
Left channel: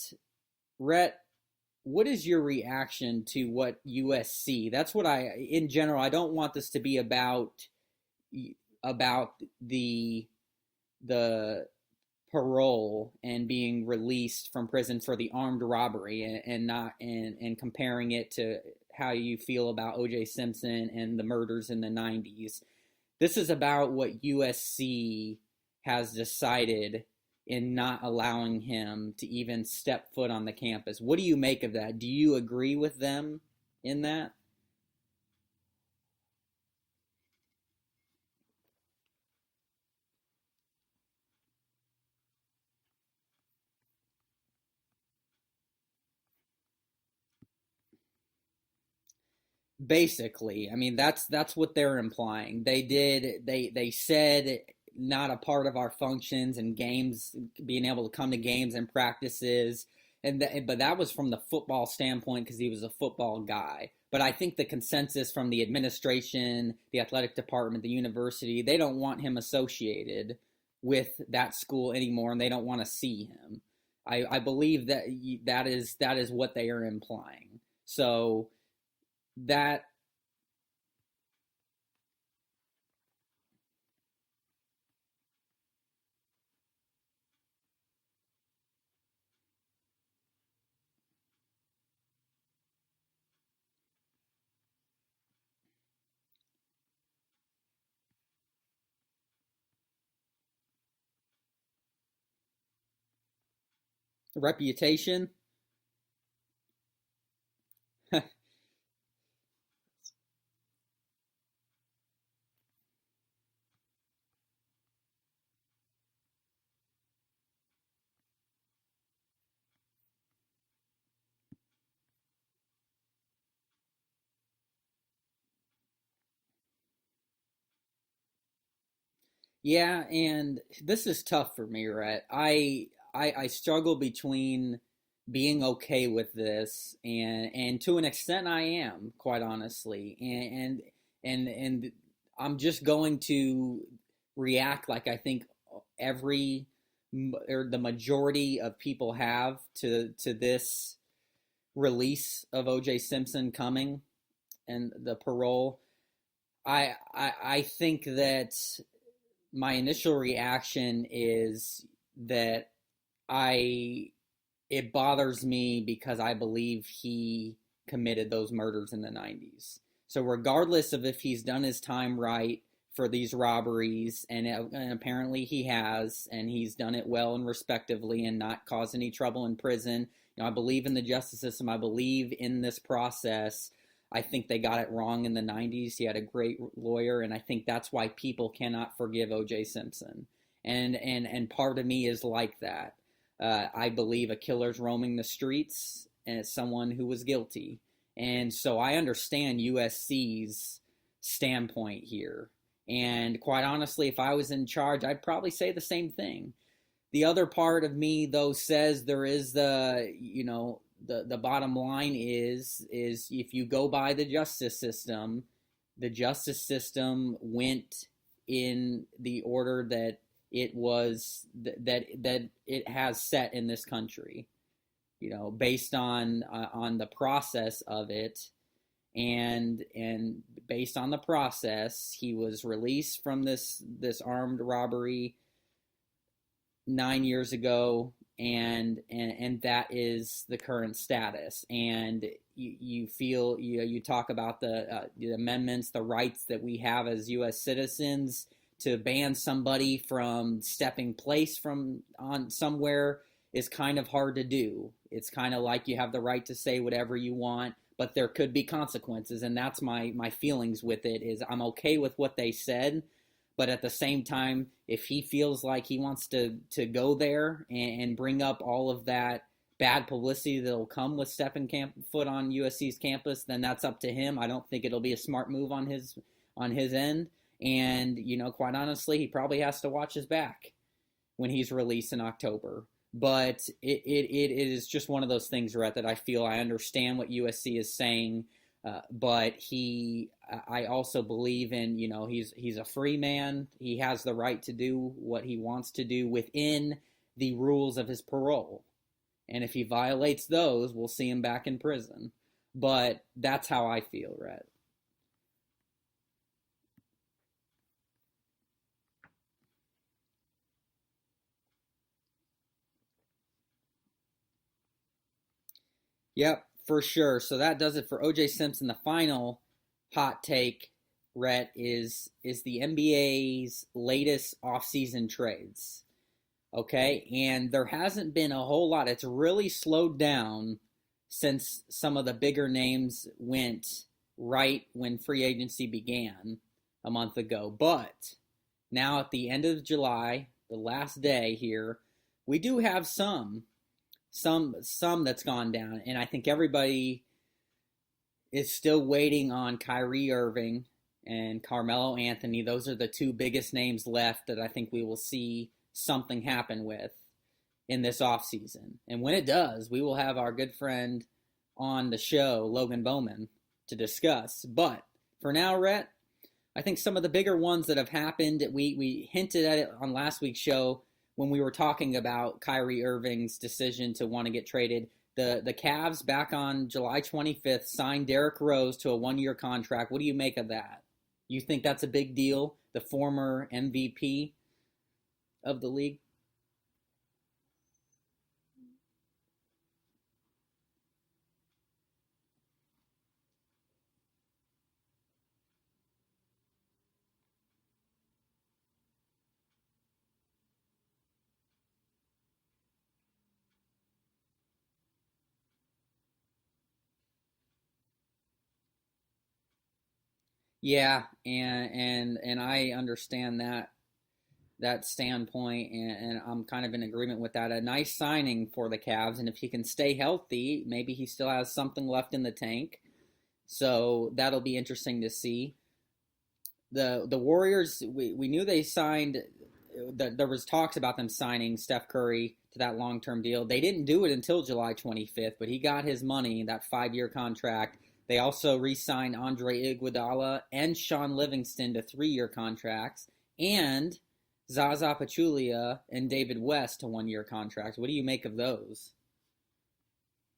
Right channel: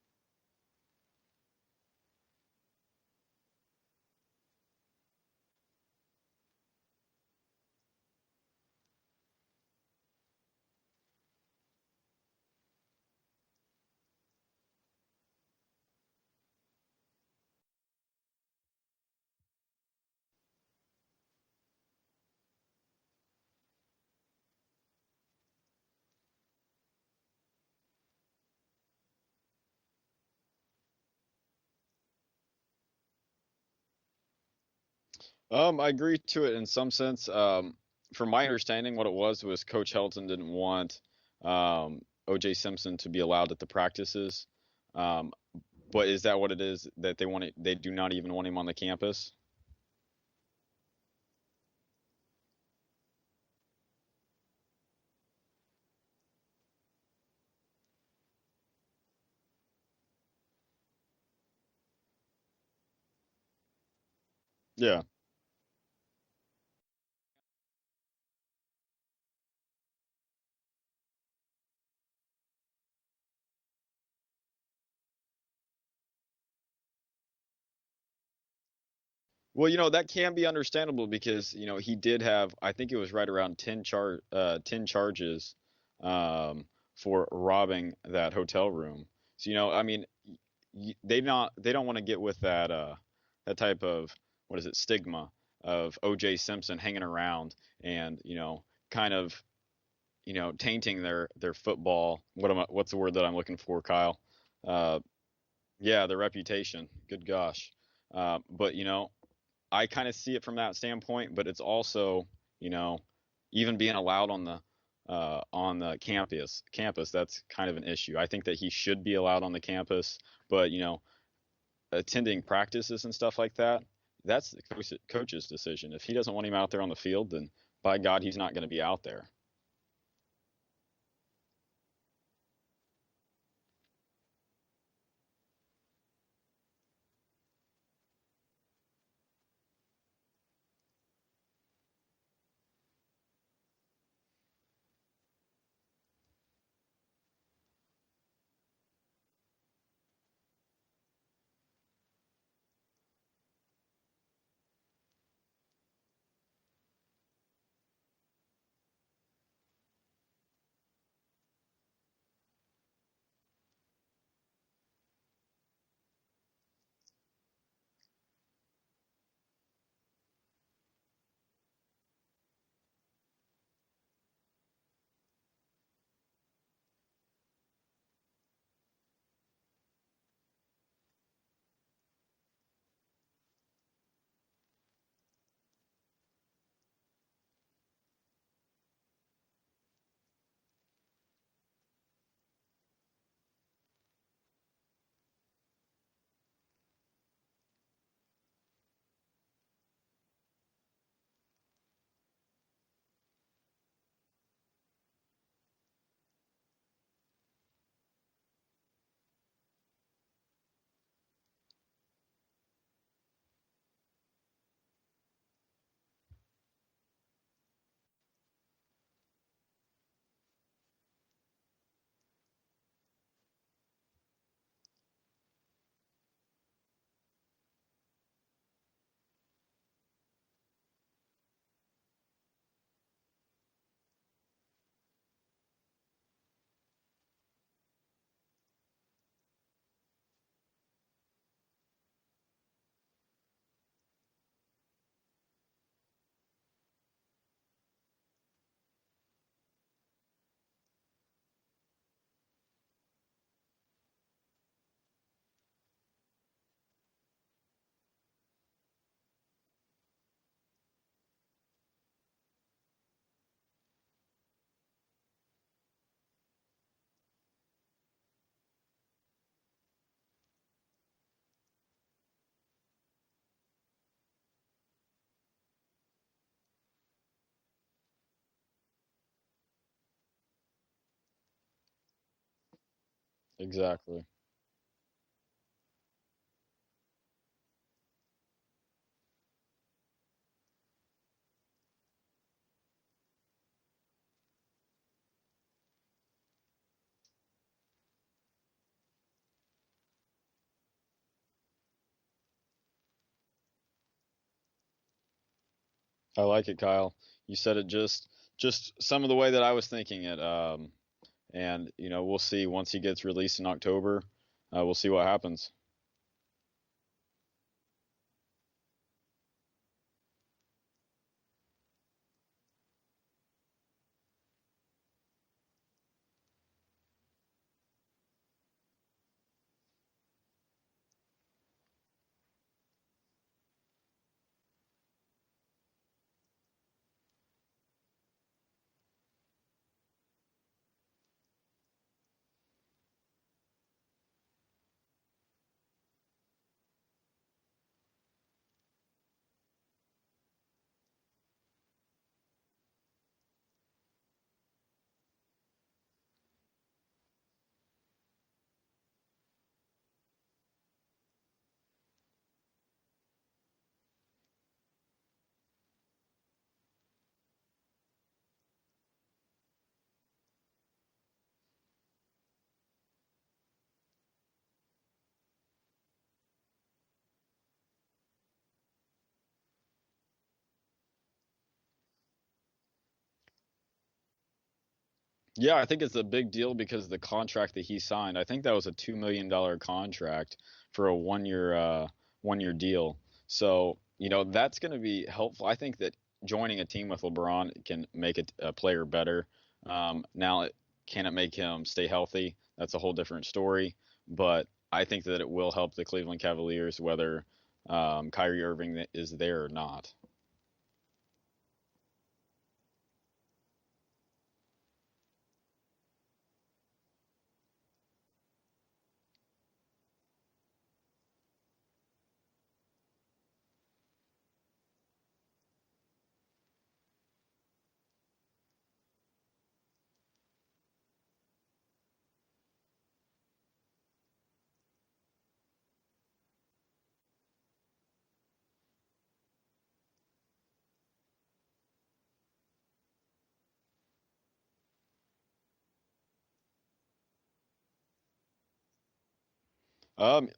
Rhett, what is your reaction to what USC? That's what in general, I don't want this to be about the parole and being released from prison for the armed robbery, and not and comparing it to how you feel about OJ Simpson and the murders in the 90s. This is about what USC has decided in not allowing him to even step foot on the campus. What do you make of that? Do you agree with them in that? I agree to it in some sense. From my understanding, what it was Coach Helton didn't want O.J. Simpson to be allowed at the practices. Um, but is that what it is, that they do not even want him on the campus? Basically, I mean, that's what they're implying. They said not a part of our functions and games, being able to come to games and practices, but that was from the football standpoint because he was a football guy. But I think the Yeah. consensus from the administration, the athletic department, the university, they don't want him associated with that school anymore, and they don't want to see him. I believe that is what they are implying. So Well, that that can be understandable because, he did have, I think it was right around 10 charges for robbing that hotel room. So, I mean, they don't want to get with that type of, what is it, stigma of O.J. Simpson hanging around and, kind of, tainting their football. What's the word that I'm looking for, Kyle? Uh, reputation. Yeah, the reputation. Good gosh. But I kind of see it from that standpoint, but it's also, you know, even being allowed on the campus, that's kind of an issue. I think that he should be allowed on the campus, but attending practices and stuff like that, that's the coach's decision. If he doesn't want him out there on the field, then by God, he's not going to be out there. Yeah, and this is tough for me, Rhett. I struggle between being okay with this, and to an extent I am, quite honestly. And I'm just going to react like I think every or the majority of people have to this release of OJ Simpson coming and the parole. I think that my initial reaction is that I it bothers me because I believe he committed those murders in the 90s. So regardless of if he's done his time right for these robberies, and apparently he has, and he's done it well and respectively and not caused any trouble in prison. I believe in the justice system. I believe in this process. I think they got it wrong in the 90s. He had a great lawyer, and I think that's why people cannot forgive O.J. Simpson. And part of me is like that. I believe a killer's roaming the streets, and it's someone who was guilty. And so I understand USC's standpoint here. And quite honestly, if I was in charge, I'd probably say the same thing. The other part of me, though, says there is the bottom line is if you go by the justice system went in the order that it was that it has set in this country, based on the process of it, and based on the process, he was released from this armed robbery 9 years ago, and that is the current status. And you feel you talk about the amendments, the rights that we have as U.S. citizens to ban somebody from stepping place from on somewhere is kind of hard to do. It's kind of like you have the right to say whatever you want, but there could be consequences, and that's my feelings with it. Is I'm okay with what they said, but at the same time, if he feels like he wants to go there and bring up all of that bad publicity that'll come with stepping foot on USC's campus, then that's up to him. I don't think it'll be a smart move on his end. And, quite honestly, he probably has to watch his back when he's released in October. But Exactly. it is just one of those things, Rhett, that I feel I understand what USC is saying. But I also believe in, he's a free man. He has the right to do what he wants to do within the rules of his parole. And if he violates those, we'll see him back in prison. But that's how I feel, Rhett. I like it, Kyle. You said it just some of the way that I was thinking it. And we'll see once he gets released in October. We'll see what happens. Yep, for sure. So that does it for OJ Simpson. The final hot take, Rhett, is the NBA's latest offseason trades. Okay, and there hasn't been a whole lot. It's really slowed down since some of the bigger names went right when free agency began a month ago. But now at the end of July, the last day here, we do have some that's gone down, and I think everybody is still waiting on Kyrie Irving and Carmelo Anthony. Those are the two biggest names left that I think we will see something happen with in this offseason. And when it does, we will have our good friend on the show, Logan Bowman, to discuss. But for now, Rhett, I think some of the bigger ones that have happened, we hinted at it on last week's show when we were talking about Kyrie Irving's decision to want to get traded. The Cavs back on July 25th signed Derrick Rose to a one-year contract. What do you make of that? You think that's a big deal? The former MVP? Yeah, I think it's a big deal because the contract that he signed, I think that was a $2 million contract for a one year deal. So, that's going to be helpful. I think that joining a team with LeBron can make a player better. Now, can it make him stay healthy? That's a whole different story. But I think that it will help the Cleveland Cavaliers whether Kyrie Irving is there or not. Yeah, and I understand that standpoint, and I'm kind of in agreement with that. A nice signing for the Cavs, and if he can stay healthy, maybe he still has something left in the tank. So that'll be interesting to see. The Warriors, we knew they signed. There was talks about them signing Steph Curry to that long-term deal. They didn't do it until July 25th, but he got his money, that 5-year contract. They also re-signed Andre Iguodala and Sean Livingston to 3-year contracts, and Zaza Pachulia and David West to 1-year contracts. What do you make of those?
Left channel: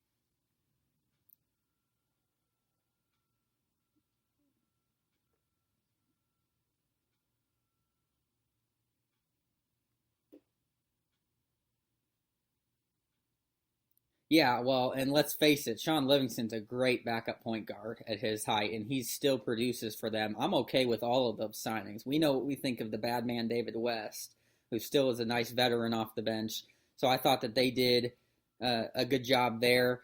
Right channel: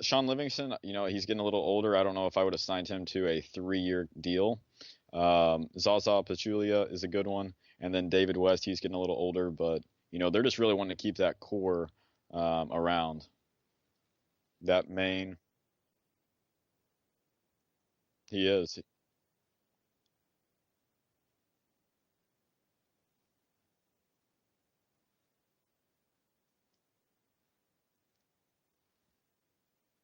Sean Livingston, he's getting a little older. I don't know if I would have signed him to a 3-year deal. Zaza Pachulia is a good one. And then David West, he's getting a little older, but, they're just really wanting to keep that core around. Yeah, That well, and let's main, face it, Sean Livingston's a great backup point guard at his he height, is. and he still produces for them. I'm okay with all of those signings. We know what we think of the bad man David West, who still is a nice veteran off the bench. So I thought that they did a good job there.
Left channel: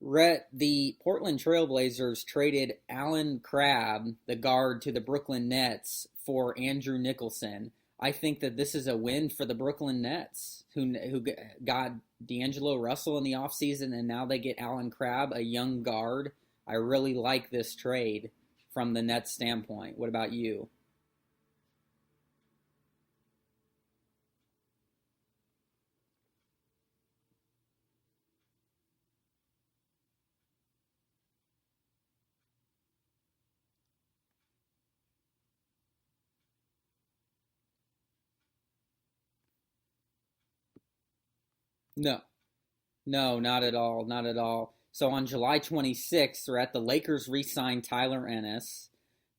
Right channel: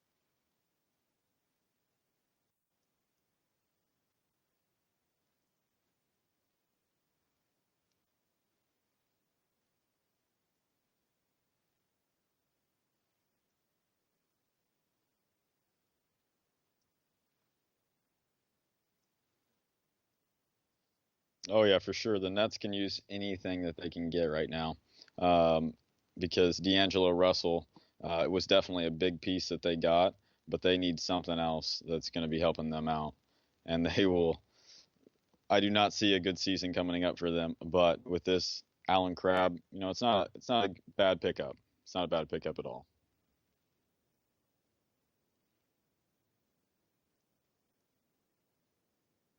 Rhett, the Portland Trailblazers traded Alan Crabb, the guard, to the Brooklyn Nets for Andrew Nicholson. I think that this is a win for the Brooklyn Nets, who got D'Angelo Russell in the offseason, and now they get Alan Crabb, a young guard. I really like this trade from the Nets standpoint. What about you? Oh, yeah, for sure. The Nets can use anything that they can get right now um, because D'Angelo Russell it was definitely a big piece that they got, but they need something else that's going to be helping them out. And they will I do not see a good season coming up for them. But with this Allen Crabbe, it's not a bad pickup. It's not a No, bad pickup at all. no, not at all, not at all. So on July 26th, Rhett, the Lakers re-signed Tyler Ennis.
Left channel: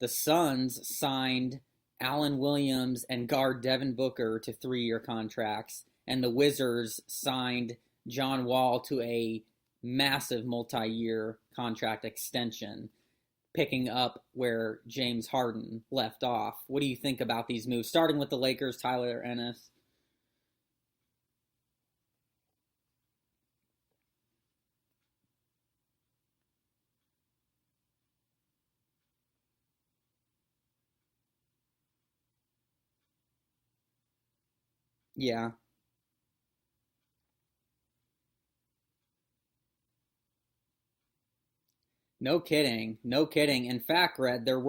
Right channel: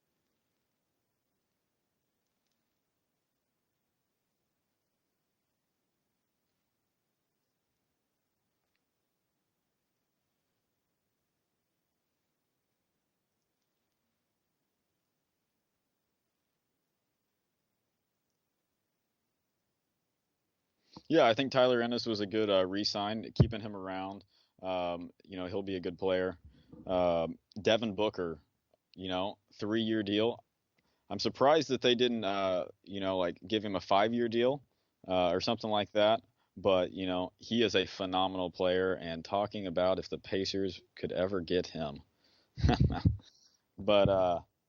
The Suns signed Allen Williams and guard Devin Booker to 3-year contracts, and the Wizards signed John Wall to a massive multi-year contract extension, picking up where James Harden left off. What do you think about these moves? Starting with the Lakers, Tyler Ennis. Yeah, I think Tyler Ennis was a good re-sign, keeping him around. He'll be a good player. Devin Booker, 3-year deal. I'm surprised that they didn't, like give him a 5-year deal or Yeah, something like that. But, he is a phenomenal player. And talking about if the Pacers could ever get him. no kidding. No kidding. In But fact, Red, there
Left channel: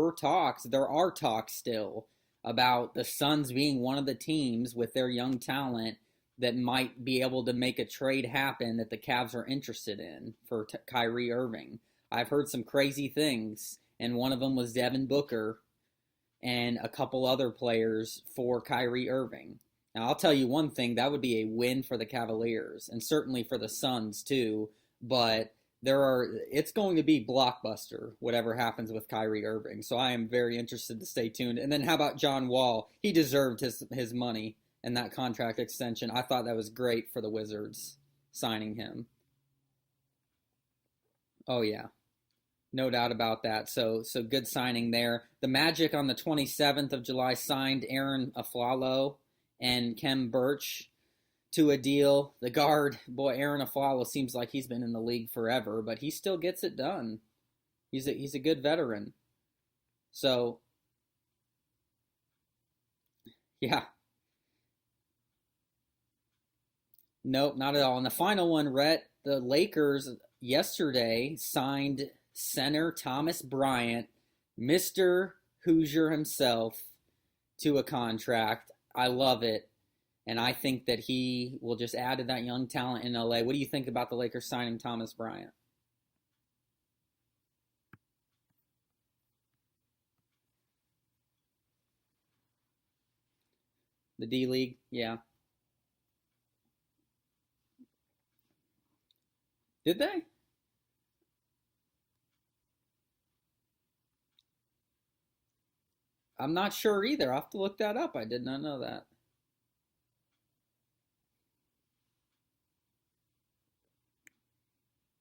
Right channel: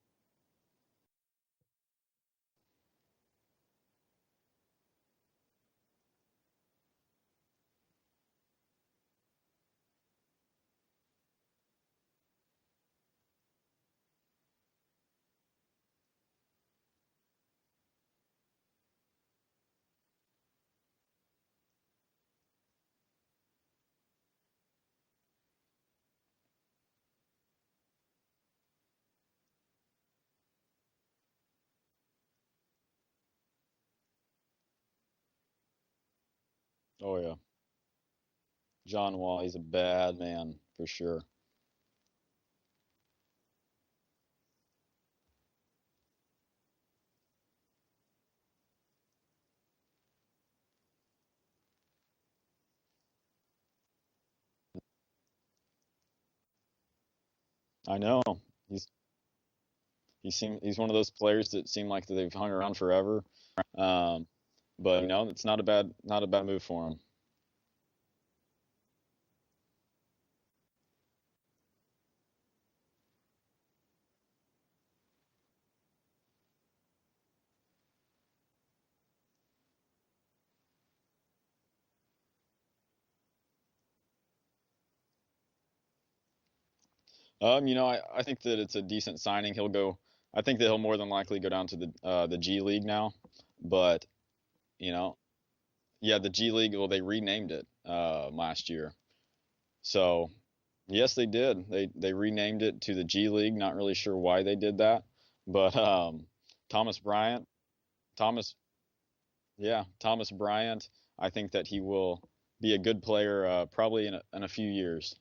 are talks still about the Suns being one of the teams with their young talent that might be able to make a trade happen that the Cavs are interested in for Kyrie Irving. I've heard some crazy things, and one of them was Devin Booker and a couple other players for Kyrie Irving. Now, I'll tell you one thing, that would be a win for the Cavaliers and certainly for the Suns too, but it's going to be blockbuster whatever happens with Kyrie Irving. So I am very interested to stay tuned. And then how about John Wall? He deserved his money and that contract extension. I thought that was great oh for the yeah, Wizards signing him. John Wall, he's a bad man for sure. Oh yeah. No doubt about that. So good signing there. The Magic on the 27th of July signed Aaron Aflalo and Kem Birch to a deal. The guard, boy, Aaron Aflalo seems like he's been in the league forever, but he still gets it done. I He's know. a good He's veteran. So he's one of those players that seem like that they've hung around forever. yeah, Um, but it's not a bad move for him. nope, not at all. And the final one, Rhett, the Lakers yesterday signed center Thomas Bryant, Mr. Hoosier himself, to a contract. I love it. And I think that he will just add to that young talent in LA. What do you think about the Lakers signing Thomas Bryant? I think that it's a decent signing. I think that he'll more than likely go down to the G League now. But The D League? you know, Yeah. yeah, the G League. Well, they renamed it last year. Did they? So yes, they did. They renamed it to the G League. Not really sure why they did that, but I'm not Thomas sure either. I'll Bryant, have to look that up. I did Thomas, not know that. yeah, Thomas Bryant. I think that he will be a good player probably in a few years.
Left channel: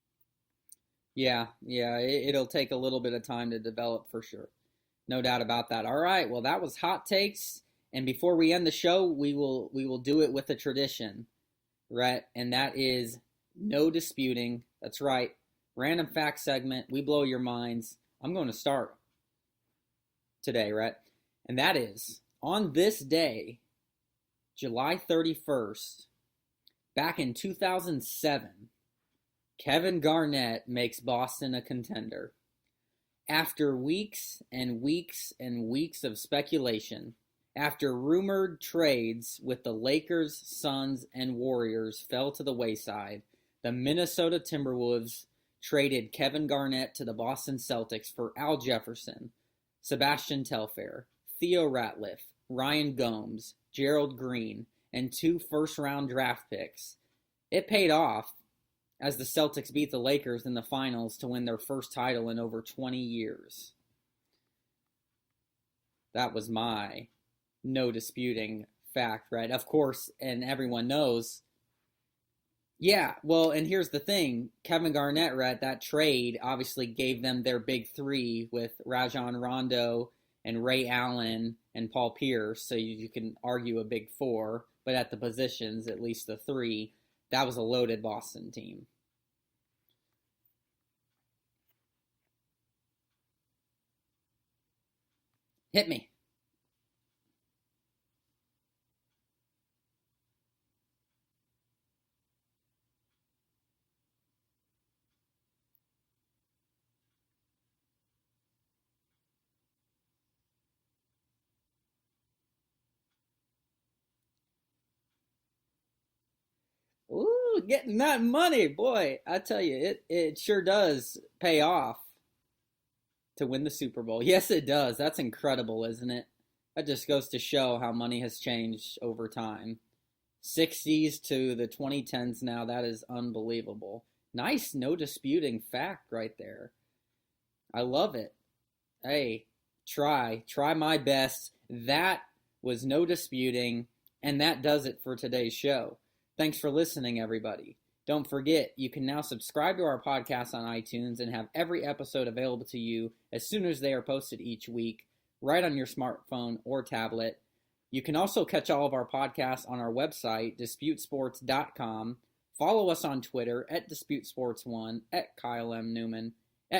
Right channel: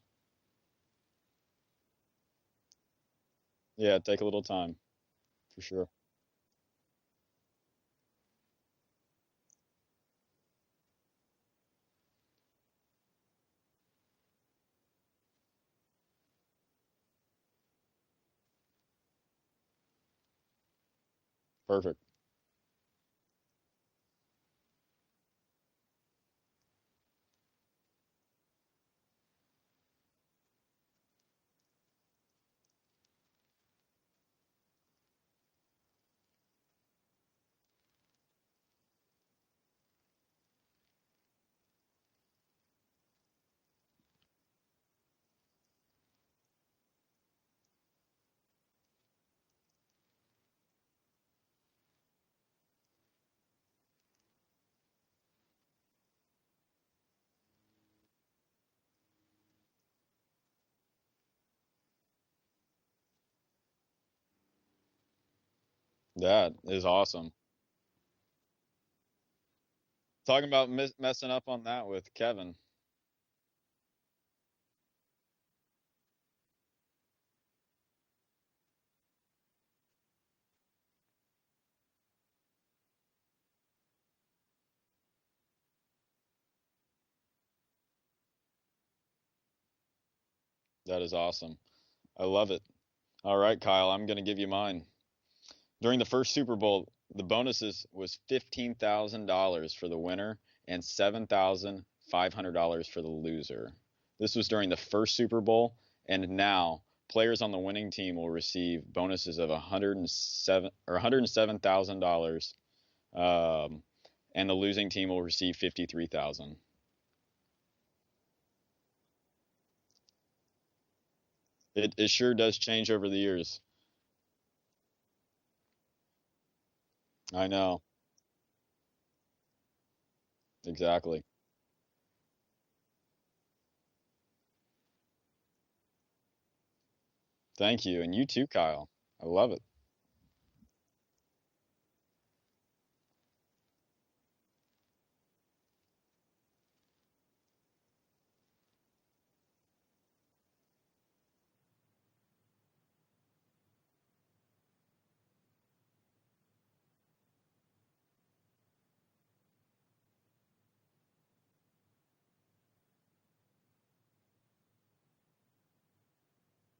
Yeah, yeah. It'll take a little bit of time to Yeah, develop take for a little sure. time No doubt for about that. sure. All right. Well, that was hot takes. And before we end the show, we will do it with a tradition, right? And that is No disputing. That's right. Random fact segment. We blow your minds. I'm going to start today, Rhett. And that Perfect. is on this day, July 31st, back in 2007, Kevin Garnett makes Boston a contender. After weeks and weeks and weeks of speculation, after rumored trades with the Lakers, Suns, and Warriors fell to the wayside, the Minnesota Timberwolves traded Kevin Garnett to the Boston Celtics for Al Jefferson, Sebastian Telfair, Theo Ratliff, Ryan Gomes, Gerald Green, and 2 first-round draft picks. It paid off as the Celtics beat the Lakers in the finals to win their first title in over 20 years. That was my awesome. no disputing fact, right? Of course, and Talk about everyone knows. messing up on that with Kevin. Yeah, well, and here's the thing. Kevin Garnett, right, that trade obviously gave them their big three with Rajon Rondo and Ray Allen and Paul Pierce, so you can argue a big four, but at the positions, at least the three, that was a loaded Boston team. That is awesome. I love it. All right, Kyle, I'm going to give you mine. During the first Super Bowl, the bonuses was $15,000 for the winner and $7,500 for the loser. This was during the first Super Bowl, and now players on the winning team will receive bonuses of $107,000, and the losing team will receive $53,000. Ooh, getting that money, boy! I tell you, it sure does pay off. It sure does change over the years to win the Super Bowl. Yes, it does. That's incredible, isn't it? That just goes to show how money has changed over time. 60s to the 2010s now. That is unbelievable. Nice, no disputing fact right there. Thank you. And you too, Kyle. Hey, I love it. Try my best. That was no disputing, and that does it for today's show. Thanks for listening, everybody. Don't forget, you can now subscribe to our podcast on iTunes and have every episode available to you as soon as they are posted each week, right on your smartphone or tablet. You can also catch all of our podcasts on our website, disputesports.com. Follow us on Twitter @DisputeSports1, @Kyle M. Neumann,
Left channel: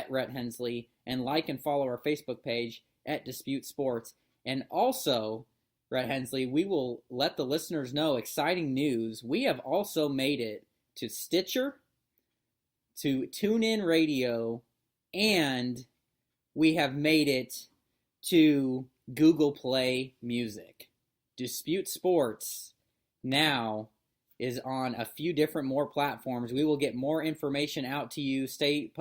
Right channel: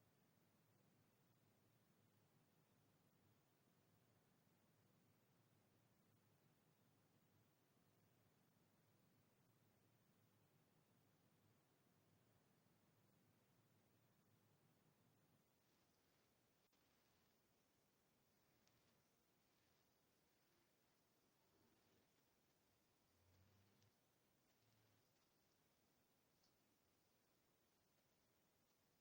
@Rhett Hensley, and like and follow our Facebook page @DisputeSports. And also, Rhett Hensley, we will let the listeners know exciting news. We have also made it to Stitcher, to TuneIn Radio, and we have made it to Google Play Music. Dispute Sports now is on a few different more platforms. We will get more information out to you. Stay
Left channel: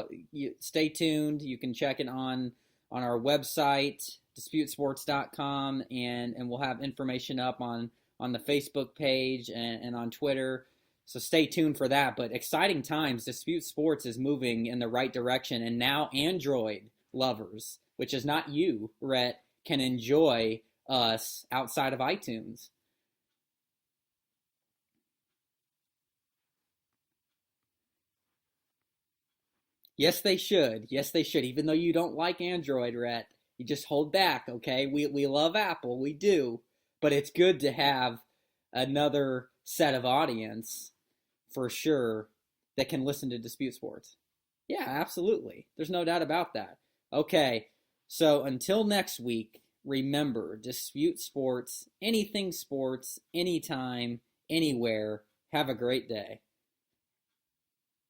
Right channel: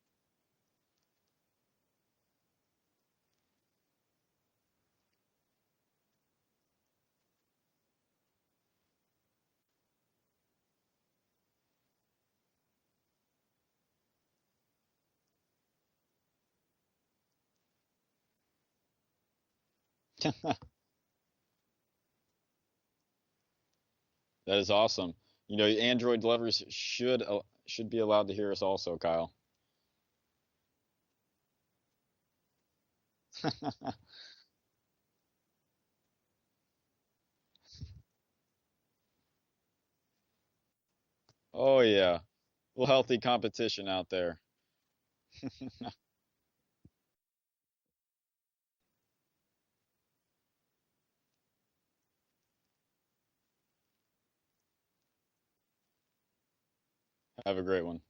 tuned. You can check it on our website, disputesports.com, and we'll have information up on the Facebook page and on Twitter. So stay tuned for that. But exciting times. Dispute Sports is moving in the right direction, and now Android lovers, which is not you, Rhett, can enjoy us outside of iTunes. That is awesome. You know, Android lovers should be allowed to hear us also, Kyle. Yes, they should. Yes, they should. Even though you don't like Android, Rhett, you just hold back, okay? We love Apple, we do, but it's good to have another set of audience for sure. Yeah. Well, healthy competition out there. Yeah, absolutely. There's no doubt about that. Okay, so until next week, remember, Dispute Sports, anything sports, anytime, anywhere. Have a great day. Have a great one.